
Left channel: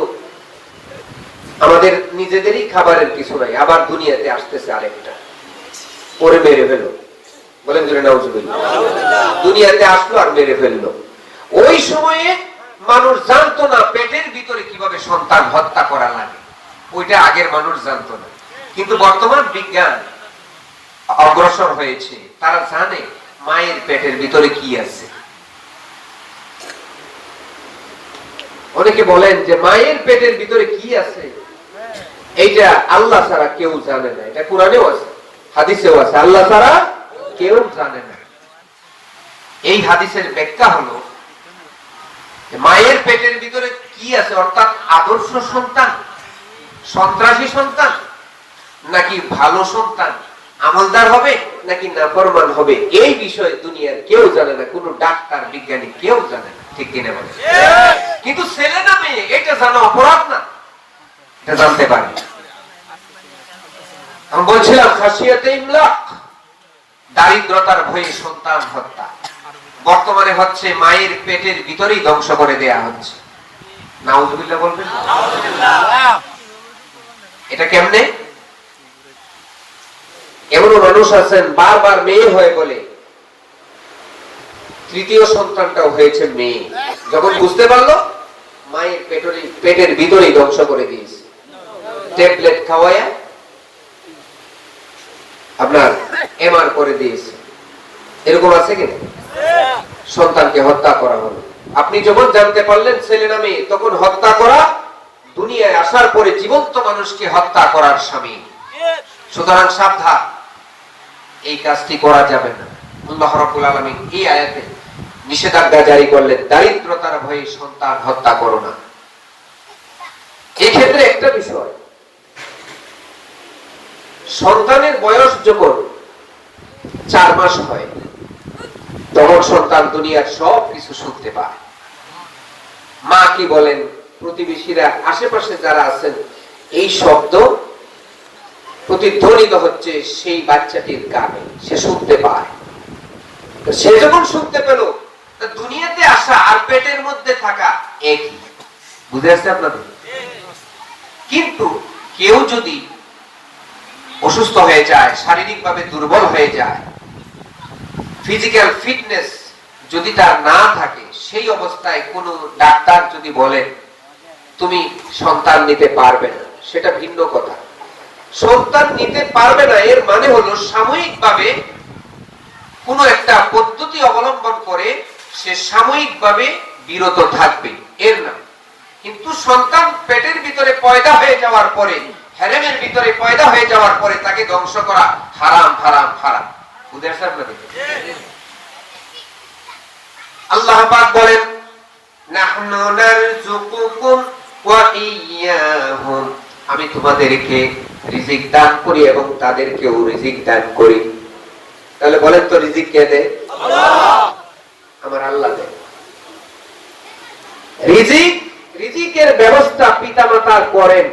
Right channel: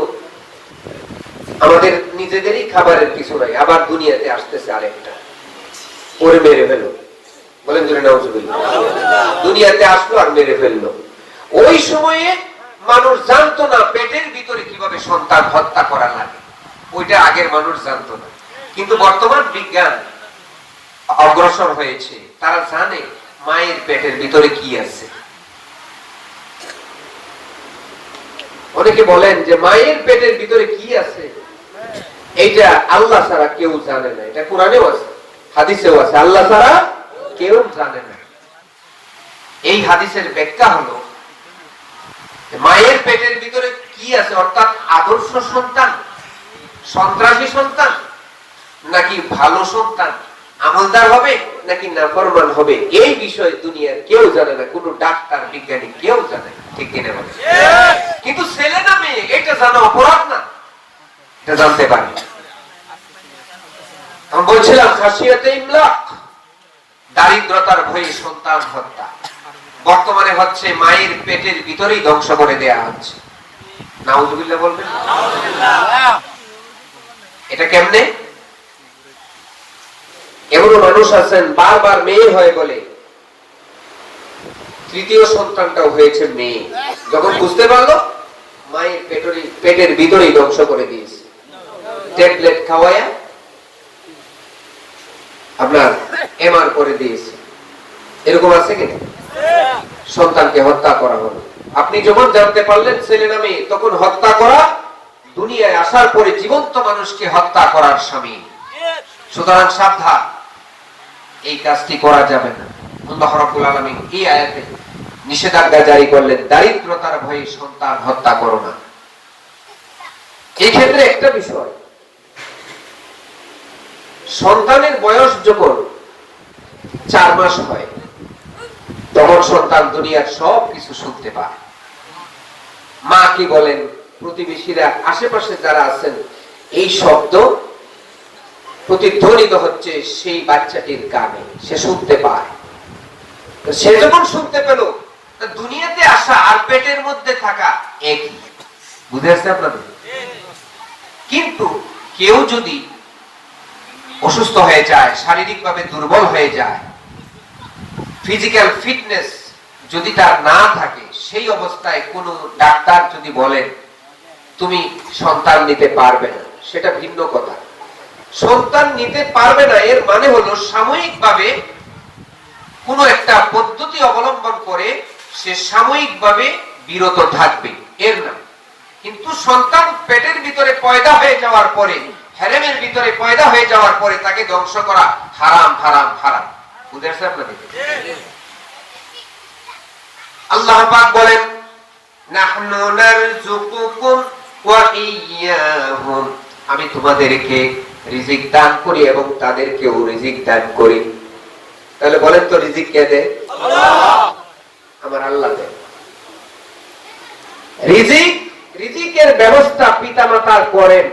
আমাদের নিজেদেরই খাবারের কিছু নাই, আবার দুনিয়াতে আসতেছে আরেকটা, পরে মেরে ফেলো। বলেন নাউজুবিল্লাহ। দুনিয়াতে আসলো আর মেরে ফেললো। ওই সময়ে মানুষ জানতো না পেটের ভিতরে কিভাবে সন্তান হত্যা করা লাগে, ওইটা আগের মানুষ জানতো না। কিন্তু বর্তমান বিজ্ঞান অগ্রসর হয়েছে, তারা জানে মায়ের পেটের ভিতরে কি আছে। অনেকে বলেন যে মায়ের পেটের ভিতরে কি আছে এইটা আল্লাহ ছাড়া কেউ জানে না। এটা কোরআনেও আছে, হাদিসেও আছে, আল্লাহ ছাড়া কেউ জানে না। এই হাদিসের ব্যাখ্যা হলো মায়ের পেটের ভিতরে কি আছে, অর্থাৎ আদর্শ সন্তান, সন্ত্রাসী সন্তান, নাকি ভালো সন্তান, আমলদার হবে নাকি নাফরমান হবে এই বিষয়ে দুনিয়ার কেউ জানে না, কোনো ডাক্তার বিজ্ঞানী কেউ জানে না, ঠিক কিনা বলে? কিন্তু ছেলে না মেয়ে এটা জানা অপরাধ না, এটা জানতে পারে। আমি বলছিলাম খাসিয়াতে ইমলাক, দারিদ্রতার ভয়ে সন্তান হত্যা বর্তমানে হচ্ছে, মায়ের পেটের ভিতরেই ধ্বংস করে দেয়া হচ্ছে। নাউজুবিল্লাহ বলবেন? এটা কেমনে? এমনও মানুষ আছেন বারবার মেয়ে হয়ে বলে, তৃতীয় সন্তানটাও হয়েছে মেয়ে, যখন বুঝতে পারলো মায়ের পেটের ভিতরেই ধ্বংস করে দিয়েছে, ট্যাবলেট খাওয়ায়া আপনার এমআর করে দিয়েছে। এরকম আছে কিনা? সন্তানকে হত্যা করা হলো, আপনি যখন জানতে পারলেন ছেলে না মেয়ে, তখন হত্যা করা দুনিয়ায় আসার পরে জীবন্ত মানুষকে হত্যা করার শামিল। সুতরাং সাবধান, এই কাজটি করা যাবে না। আল্লাহ রাব্বুল আলামিন এই আয়াতে নিষেধাজ্ঞা জারি করলেন, দারিদ্রতার ভয়ে সন্তান হত্যা করো না। এই ক্ষেত্রে একটা বিষয়, সন্তানের বয়স যখন 4 মাস হয় তখন সন্তান দুনিয়ার সব কিছু শুনতে পায়। মা কি বলেন, প্রতিবেশীরা, আশেপাশে যারা আছেন, এই শব্দ প্রতিধ্বনিত হচ্ছে সেই বাচ্চাটির কানে, সে শুনতে পায়। সে যখন শুনতে পেল, দুনিয়াতে আসা আর পেটের মধ্যে থাকা একই, বুঝে আসছে আপনাদের? কিন্তু কেউ যদি অসুস্থ হয়ে যায়, শারীরিকভাবে দুর্বল হয়ে যায়, ফিজিক্যাল ফিটনেস যদি তার না থাকে, সেই অবস্থায় কোন ডাক্তার যদি বলেন তুমি সন্তান নিতে পারবে না, সেটা ভিন্ন কথা। সন্তান নিতে পারবে না এর মানে হলো সাময়িকভাবে কোন একটা পদ্ধতি অবলম্বন করে সে সাময়িকভাবে বিরত থাকবে, এর না। কিন্তু সন্তান পেটের ভিতরে পয়দা হয়ে যাওয়ার পরে, হেরেমের ভিতরে পয়দা হয়ে যাওয়ার পরে তাকে ধ্বংস করা হারাম, হারাম, হারাম। আল্লাহ পাক বলেন, নাহনু নারযুকুকুম ওয়া ইয়্যাহুম, আমি তোমাদেরকে রিজিক দান করি এবং তাদেরকেও রিজিক দান করি। তাহলে বলেন তো রিজিক কে দেয়? আল্লাহ। আমার আল্লাহ দেয় রিজিক। রিজিকের ব্যবস্থা পিতামাতা করেন,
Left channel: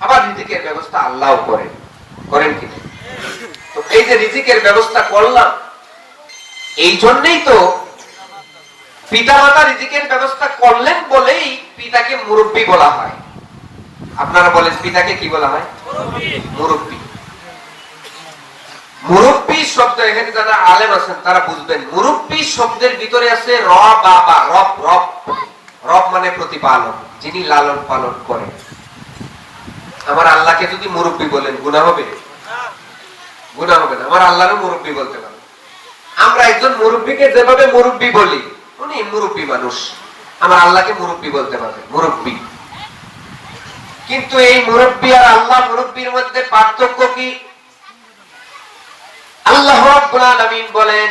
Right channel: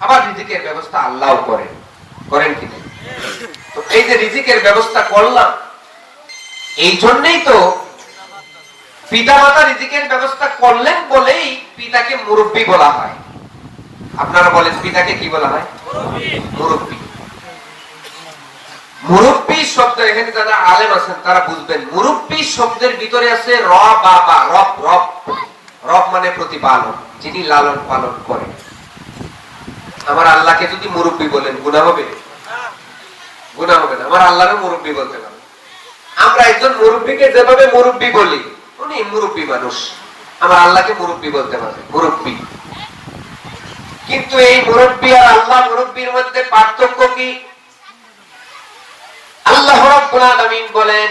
আবার রিজিকের ব্যবস্থা আল্লাহও করেন। করেন কি? তো এই যে রিজিকের ব্যবস্থা করলাম, এই জন্যই তো পিতামাতা রিজিকের ব্যবস্থা করলেন বলেই পিতাকে মুরব্বী বলা হয়। আপনারা বলেন পিতাকে কি বলা হয়? মুরব্বী। মুরব্বী শব্দ, এখানে যারা আলেম আছেন তারা বুঝবেন, মুরব্বী শব্দের ভিতরে আছে র বাবা, রব। রব রব মানে প্রতিপালক, যিনি লালন পালন করেন। আমার আল্লাহকে যদি মুরব্বী বলেন গুনাহ হবে? গুনাহ হবে না। আমার আল্লাহরও মুরব্বী বলতে পারে। আমরা একজন মুরব্বীকে যেভাবে মুরব্বী বলি, উনি মুরব্বী মানুষ, আমার আল্লাহকে মুরব্বী বলতে পারে, মুরব্বী। কিন্তু এই মুরব্বী আর আল্লাহ মুরব্বীর মধ্যে পার্থক্য কি? আল্লাহ রাব্বুল আলামিন বলেন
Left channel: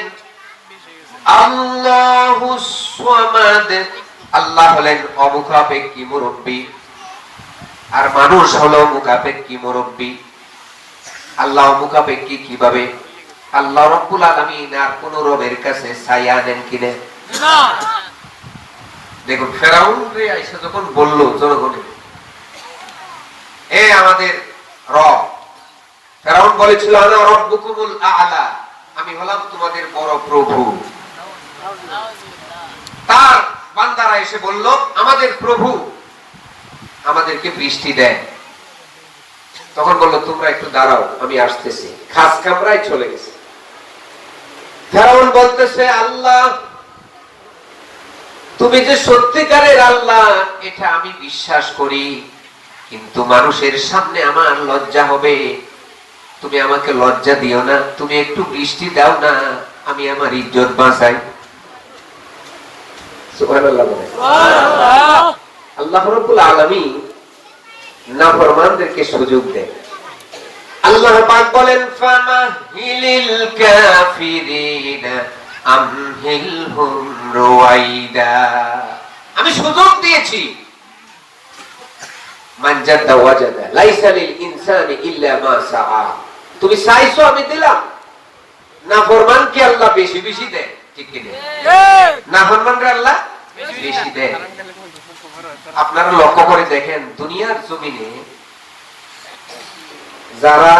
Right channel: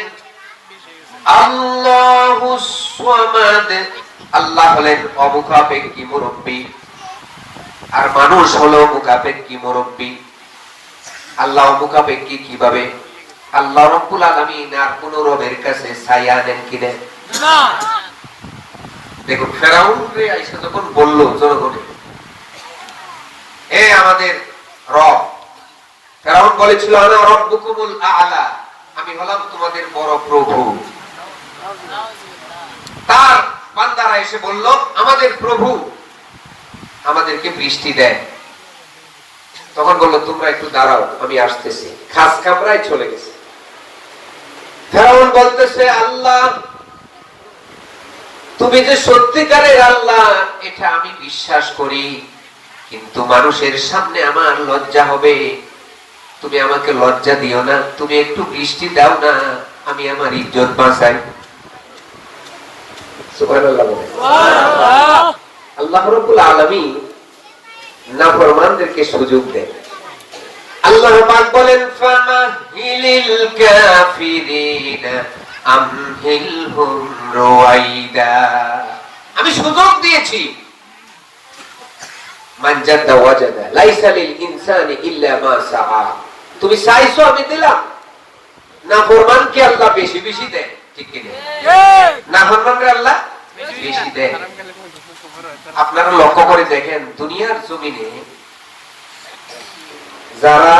আল্লাহুস সামাদ, আল্লাহ হলেন অমুখাপেক্ষী মুরব্বী, আর মানুষ হলো মুখাপেক্ষী মুরব্বী। আল্লাহ মুখাপেক্ষী কিভাবে? আল্লাহ রাব্বুল আলামিন আর কোন রবের কাছে ছায়া দেন কি দেন না? দেখুন ফেরাউন রে আইসা যখন বলল জনগণে, এ আমাদের রব, ফেরাউন বলেছিল আনা রাব্বুকুমুল আ'লা, আমি হলাম তোমাদের বড় প্রভু। তার বান্দারা এসে বলল আমাদের প্রভু আমাদেরকে বৃষ্টি দেন। তখন বলল তোমরা একটু দাঁড়াও, আমি আসতেছি। খাস কামরায় চলে গেছে। ফেরাউন বলতেছে আল্লাহ তুমি যে সত্যিকারের আল্লাহ এটা আমি বিশ্বাস করি, কিন্তু মানুষের সামনে আমার লজ্জা হবে, তুমি আমাকে লজ্জা দিও না, তুমি একটু বৃষ্টি দাও না, আমি আমার ইজ্জত বাঁচাই। সুবহানাল্লাহ। আল্লাহ রাব্বুল আলামিন নাফরমানদেরকে সুযোগ দেন। আল্লাহ পাক বলেন ফামাহিলিল কাফিরিনা আমহিলহুম রুয়াইদা, আমি সুযোগ দিয়েছি। মান জাদা ওয়াজাদা লাইসা লিল ইনসানি ইল্লা মা সাআ, তুমি চাইছো আমি দিলাম। না ফরমান কি আল্লাহ বেশি বেশি দেয়, ঠিক কিনা? না ফরমান আল্লাহ বেশি দেয়। আপনারা লক্ষ্য করে দেখেন দুনিয়ার জমিনে যারা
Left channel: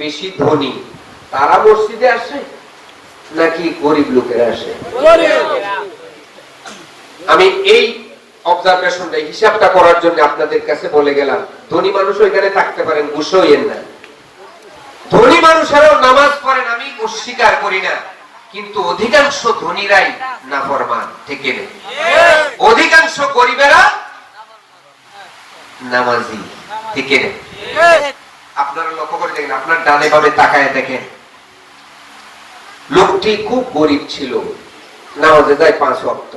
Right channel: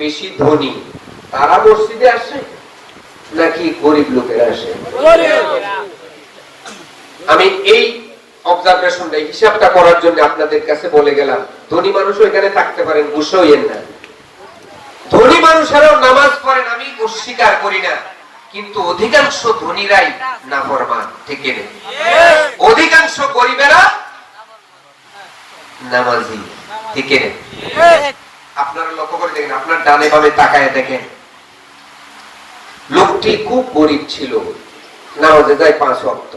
বেশি ধনী তারা মসজিদে আসে নাকি গরিব লোকেরা আসে? আমি এই অবজারভেশনটা হিসাবটা করার জন্য আপনাদের কাছে বলে গেলাম, ধনী মানুষ এখানে থাকতে পারেন, বসে হইয়েন না। ধনী মানুষেরাও নামাজ পড়েন, আমি অস্বীকার করি না, কিন্তু অধিকাংশ ধনীরাই নাফরমান, ঠিক না? অধিকাংশ গরিবেরা নামাজি, ঠিক না? আপনারা লক্ষ্য করে দেখেন, আপনার ডানে বামে তাকায় দেখেন, লোকটি খুব গরিব ছিল, নামাজে যায় 5 ওয়াক্ত।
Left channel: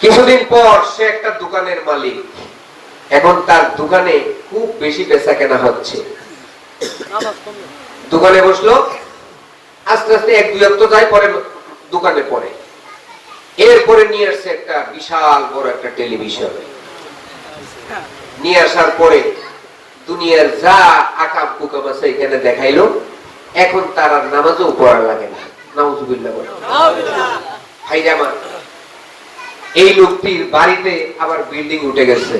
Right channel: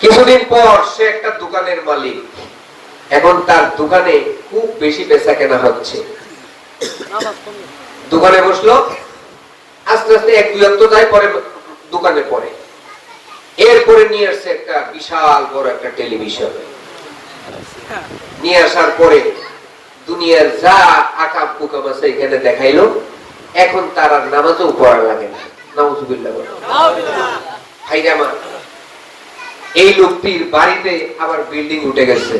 কিছুদিন পর সে একটা দোকানের মালিক, এখন তার দোকানে খুব বেশি বেচা কেনা হচ্ছে। দোকানে বসলো, আস্তে আস্তে 1-2 ওয়াক্ত যায়, পরে দোকানে পড়ে। এরপরে নিয়ে আসছে একটা বিশাল বড় একটা টেলিভিশন। নিয়ে আসার পরে দুনিয়ার যা আকাম কুকাম আছে এখানে দেখাইলো। এখন তার আর নামাজও পড়া লাগে না। নাউজুবিল্লাহ বলে। ভাইরা আমার, এই লোকটির বাড়িতে আবার বিল্ডিং উঠে গেছে।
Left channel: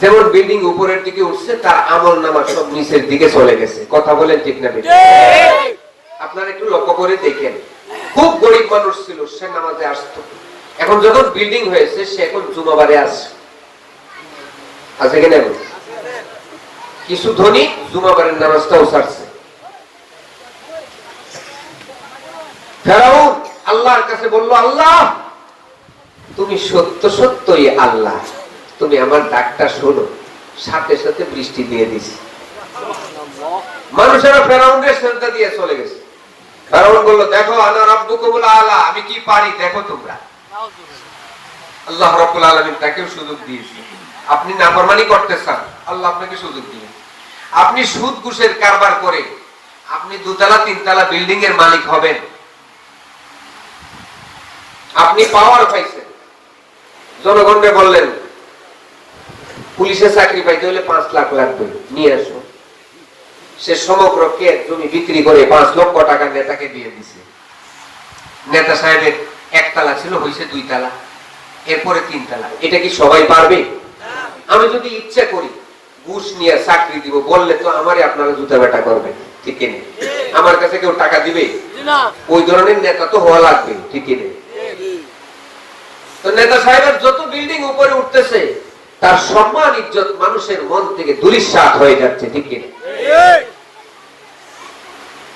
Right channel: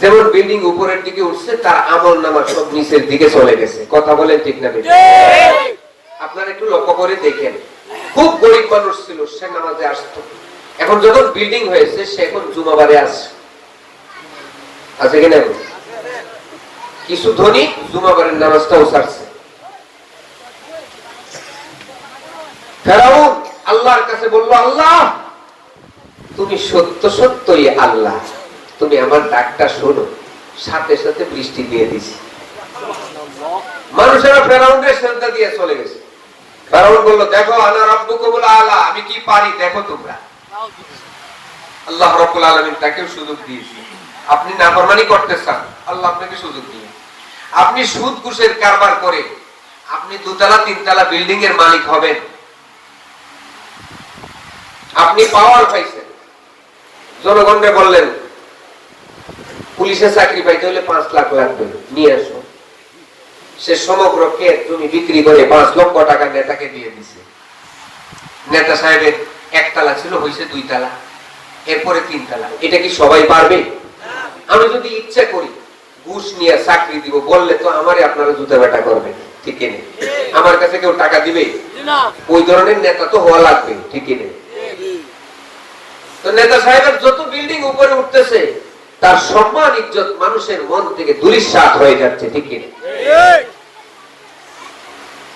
যেমন বিল্ডিং উপরের দিকে উঠছে, তার আমল নামা সব নিচের দিকে চলে গেছে। কথা বলেন ঠিক না? আপনারা একটু লক্ষ্য করে দেখেন, খুব গরিব মানুষ ছিল, সে নামাজে আসতো। এখন যখন বিল্ডিং হয়েছে, সে এখন জুমাবারে আসে, আছে কিনা? কিছু ধনী জুমাবারের নামাজটাও ছাড়ছে। ফেরাউন আল্লাহর কাছে বললো, আল্লাহ তুমি সত্য সত্যই আল্লাহ, তুমি আমার ডাকটা শোনো। সাথে সাথে বৃষ্টি দিয়ে দিছি। মানুষেরা ফেরাউনকে সেজদা দিয়ে চলে গেছে। ফেরাউন বলল, দেখো আনা রাব্বুকুমুল আলা, আমি কি পারি দেখো তোমরা। আল্লাহ রাব্বুল আলামিন তাকেও সুযোগ দিয়েছে। আপনি নাফরমানি করতে চান, আল্লাহ আপনাকে সুযোগ দিবেন। আপনি সুদ ঘুষের কারবার করে আপনি 2তলা 3তলা বিল্ডিং এর মালিক হবেন। আপনি পাওয়ার পাইছেন, জনগণকে বললেন পুলিশের চাকরি পাইতে হলে 5 লাখ লাগবে, নিয়ে আসো। সে সমগ্র ক্ষেত জমি বিক্রি করে 5 লক্ষ টাকা নেতাকে দিয়ে দিছে। নেতা সাহেবের 1তলা ছিল, হয়েছে 2তলা, এরপরে 3তলা। এটা কি সবাই পারবে? আমি যদি ইচ্ছে করি ঘুষ নিয়ে চাকরি দিব, বললে তো আমারে আপনারা জুতা বেটা করবেন, ঠিক না? আমার কাছে কেউ টাকা দিবে? ওই ধরনের নেতা তো হওয়া লাগবে, ঠিক না? তো নেতা সাহেবের যত বিল্ডিং উপরে উঠতেছে, তার সম্মান ইজ্জত মানুষের মন থেকে দুলিশাত হয়ে যাচ্ছে, ঠিক কিনা?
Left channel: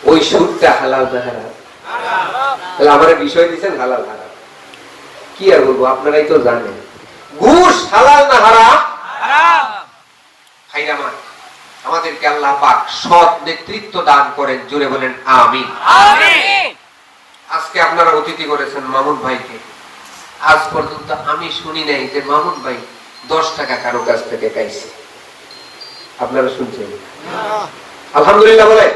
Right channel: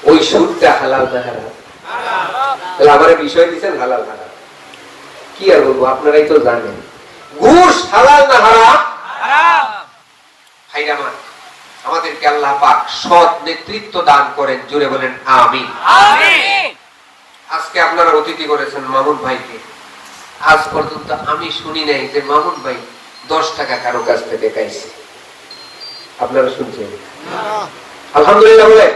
ওই সুদটা হালাল না হারাম? আমার বিষয় দিচ্ছেন হালাল হারাম, কি আর বলবো, আপনারাই তো জানেন। ঘুষ হালাল না হারাম? আমাদেরকে আল্লাহ পাক সৎ নেতৃত্ব দান করেন, জুড়ে বলেন আমিন। আজকে আপনারা অতিথি করেছেন মামুন ভাইকে। আজ পর্যন্ত আমি শুনি নাই যে মামুন ভাই 10 টাকা কারো কাছ থেকে পাইছে। আপনারা শুনছেন? আলহামদুলিল্লাহ বলে।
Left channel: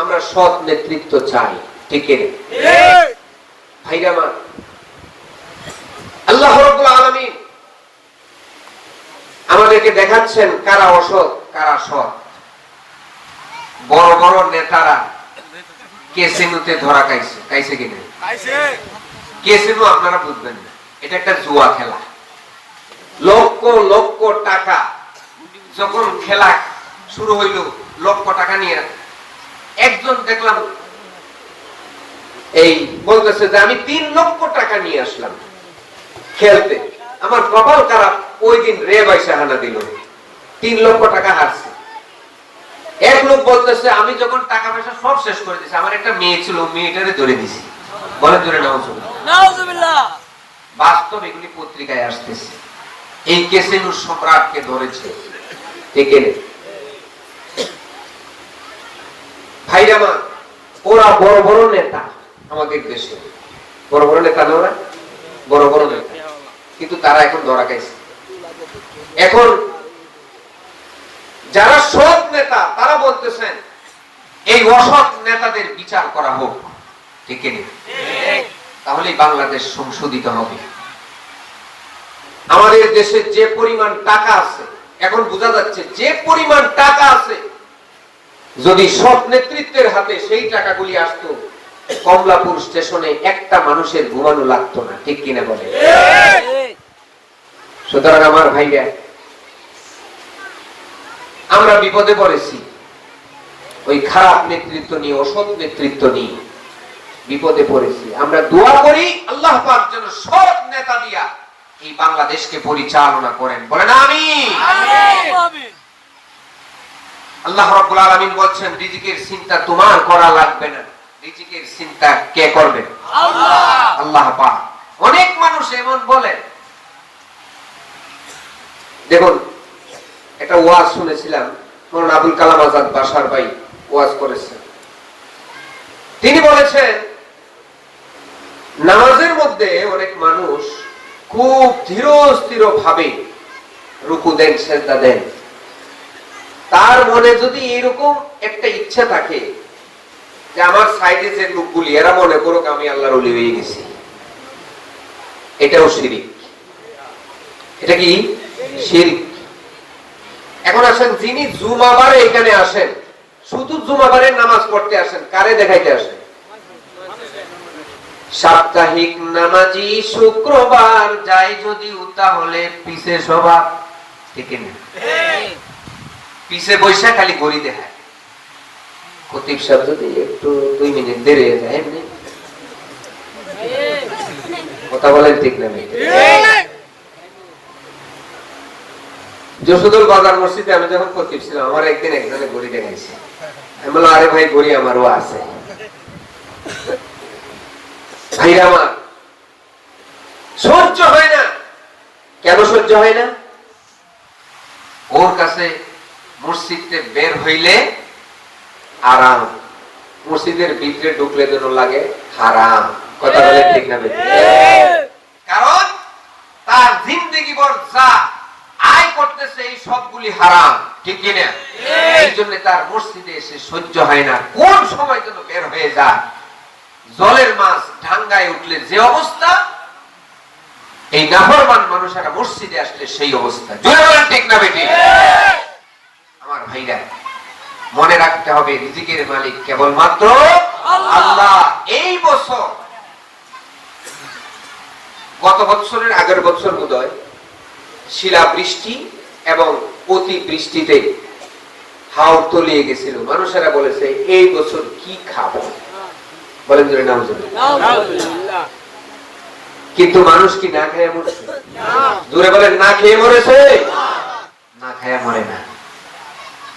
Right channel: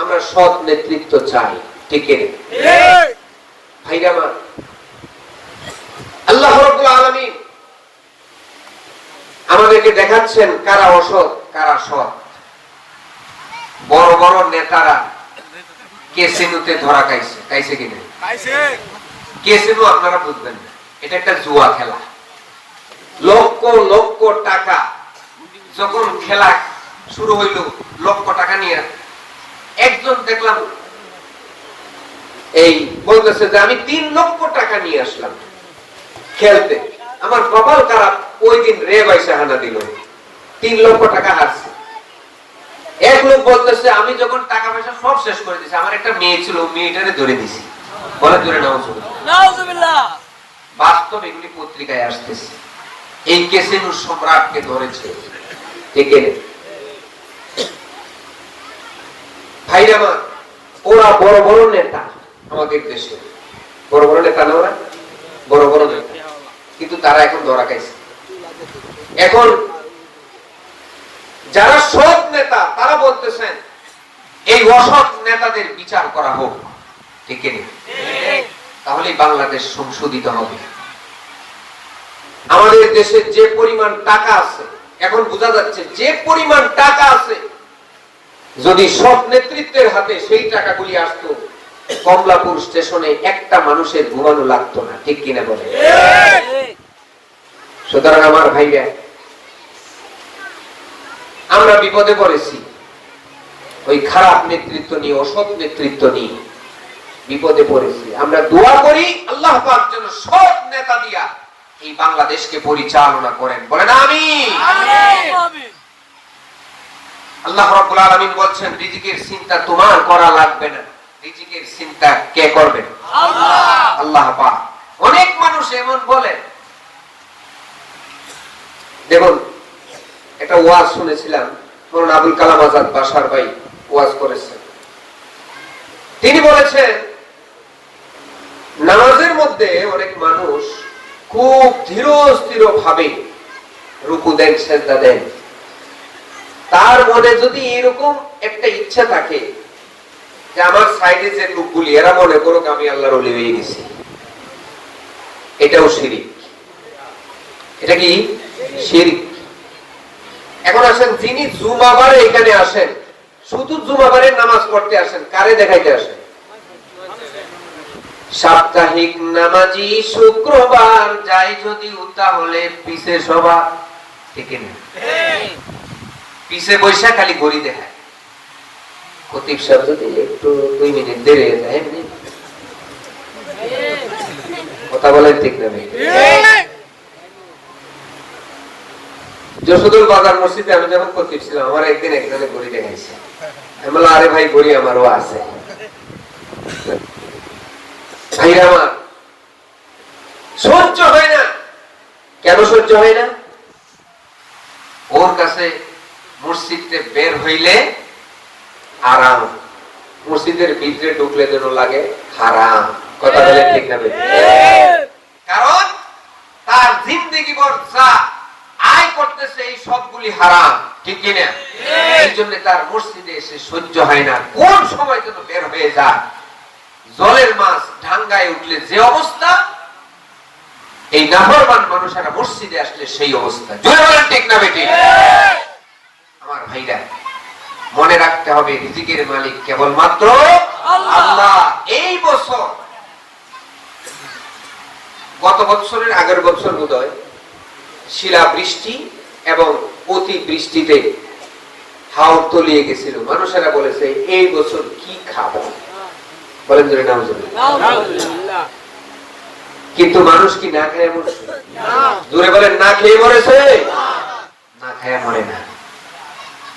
আমরা সৎ নেতৃত্ব চাই, ঠিক না? ভাইরা আমার, আল্লাহ রাব্বুল আলামিন আমাদেরকে দেখাচ্ছেন কারা অসৎ কারা সৎ। বড় বড় নেতারা কেসিনোতে ধরা খাইছে কিনা? কেসিনো আপনারা বুঝবেন না, এটা একটা জুয়া খেলা। লক্ষ লক্ষ টাকা, যখন খেলা শুরু হইল লক্ষ টাকা নিয়ে একজন দেখলাম এই বলতেছে যে আমি 3 লক্ষ টাকা নিয়ে আসলাম খেলতে। আমার কপাল খারাপ, ওই দিন রে পয়সা হানা দিল, 3 লক্ষ টাকা হারছে। এক লোক বলতেছে আমি যখন টাকা পয়সা সব শেষ করে দিছি, আমার একটা মেয়ে ছিল, মেয়েটারে ধরে দিছি। বলে ধরে নাউজুবিল্লাহ। বাস্তব এগুলি পত্রিকায় আসতেছে। এই কেসিনো সম্রাটকে ধরেছে, ঠিক না? ভাইরা আমার, ওরা বড় বড় নেতা আমাদের দেশে, বড় বড় নেতা না, ওরা বড় বড় নেতা, কিন্তু তারা এখন ধরা খাইছে। এখন যারা সৎ নেতা তারা বলতেছেন এই অসৎ নেতাদের বিচার করা হোক, ঠিক না? তাহলে বাংলাদেশ সংশোধিত হবে। আমাদের দেশে যে পরিমাণ টাকা আছে এখন বোঝা যাচ্ছে যে পরিমাণ টাকা আছে, যদি সব নেতৃত্বের হাতে সেই টাকাগুলি আসতো, কমলাপুর স্টেশনে একটা মানুষের ঘুমানো লাগতো না। ঠিক কিনা বলে? সুতরাং আমার ভাইরা, আমরা বিপদে পড়েছি ওই খারাপ নেতৃত্ব নিয়ে, অসৎ নেতৃত্ব নিয়ে বিপদে পড়েছি। আমরা দোয়া করি আল্লাহ পাক যেন সৎ নেতা দিয়া এই বাংলাদেশকে পরিচালনা করেন। বলেন আমিন। আল্লাহ রাব্বুল আলামিন বলছেন, রিজিকের চিন্তা তোমার করা লাগবে না, রিজিকের চিন্তা কে করবে? আল্লাহ। আল্লাহ পাক। অনেক মানুষ এমন বলেন, দেখুন এটা ওয়াজ শুনেছিলাম, মৌলানা আবুল কালাম আজাদ বাশার ভাই ওয়াজ করেছেন। তিনি বলেছেন, নামাজের মধ্যে অনেক মানুষ খুব ধীর স্থির ভাবে রুকু দেন, সেজদা দেন। তার মনে যদি এরকম একটা ইচ্ছা থাকে যে আমার সাইডে যে লোকগুলি এরা মনে করুক আমি আল্লাহর ওলি হয়ে গেছি, এটাও শিরিক। এটা কি শিরিক? এখন আসেন, যিনি জুমাবারে এখানে আসেন, শুধু জুমাবারের নামাজ পড়তে আসেন, কারে দেখাইতে আসেন? সাপ্তাহিক নামাজি শুক্রবার যাই যদি তাহলে পিছে সবার, ঠিক না? পিছে বৈশা খালি ঘড়ি দেখায়। খতিব সাহেব যদি একটু 2 মিনিট দেরি দেয়, কথা বলেন ঠিক না? যশোদুল বাজার মসজিদে আমি যখন খতিব ছিলাম, আমার একদিন একজনে ঘড়ি দেখাইছে। আমি বললাম, আরে ভাই ঘড়ি আমারও আছে। ভাইরা আমার, সহ্য হয় না। কেন সহ্য হয় না? ওর কাছে মসজিদে বের হইলে আরাম, মসজিদের ভিতরে ঢুকলে যেন লাগে হারাম। কথা বলে ঠিক না? কারণ তার জিন্দেগি ভর যা আয় করতেছে এই সবগুলি হারাম। ঠিক কিনা? এই জন্য তার মসজিদে এসে সহ্য হয় না, কোন সময় যেন বের হয়ে যায়। জলের মাছ ডাঙ্গায় উঠলে যে অবস্থা, এই নাফরমান মানুষেরা মসজিদে আসলে সেই অবস্থা। জোরে বলেন ঠিক না বেটি? আমার ভাইরা, মনে রাখতে হবে রিজিকের মালিক কেবলমাত্র আল্লাহ। এই বছর, গত বছরের আগের বছর বোধহয় শিলা বৃষ্টি এবং অতি বৃষ্টিতে হাওর তলিয়ে গেছিল। মানুষেরা বলেছে এই বছর কি খাবো, বলেন জোরে নাউজুবিল্লাহ। কিন্তু মানুষ কি না খেয়ে মরছে? জোরে বলেন, না খেয়ে মরেছে? না খেয়ে মরে না,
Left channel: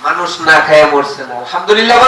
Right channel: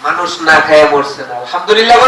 মানুষ না খেয়ে মরছে না। আলহামদুলিল্লাহ।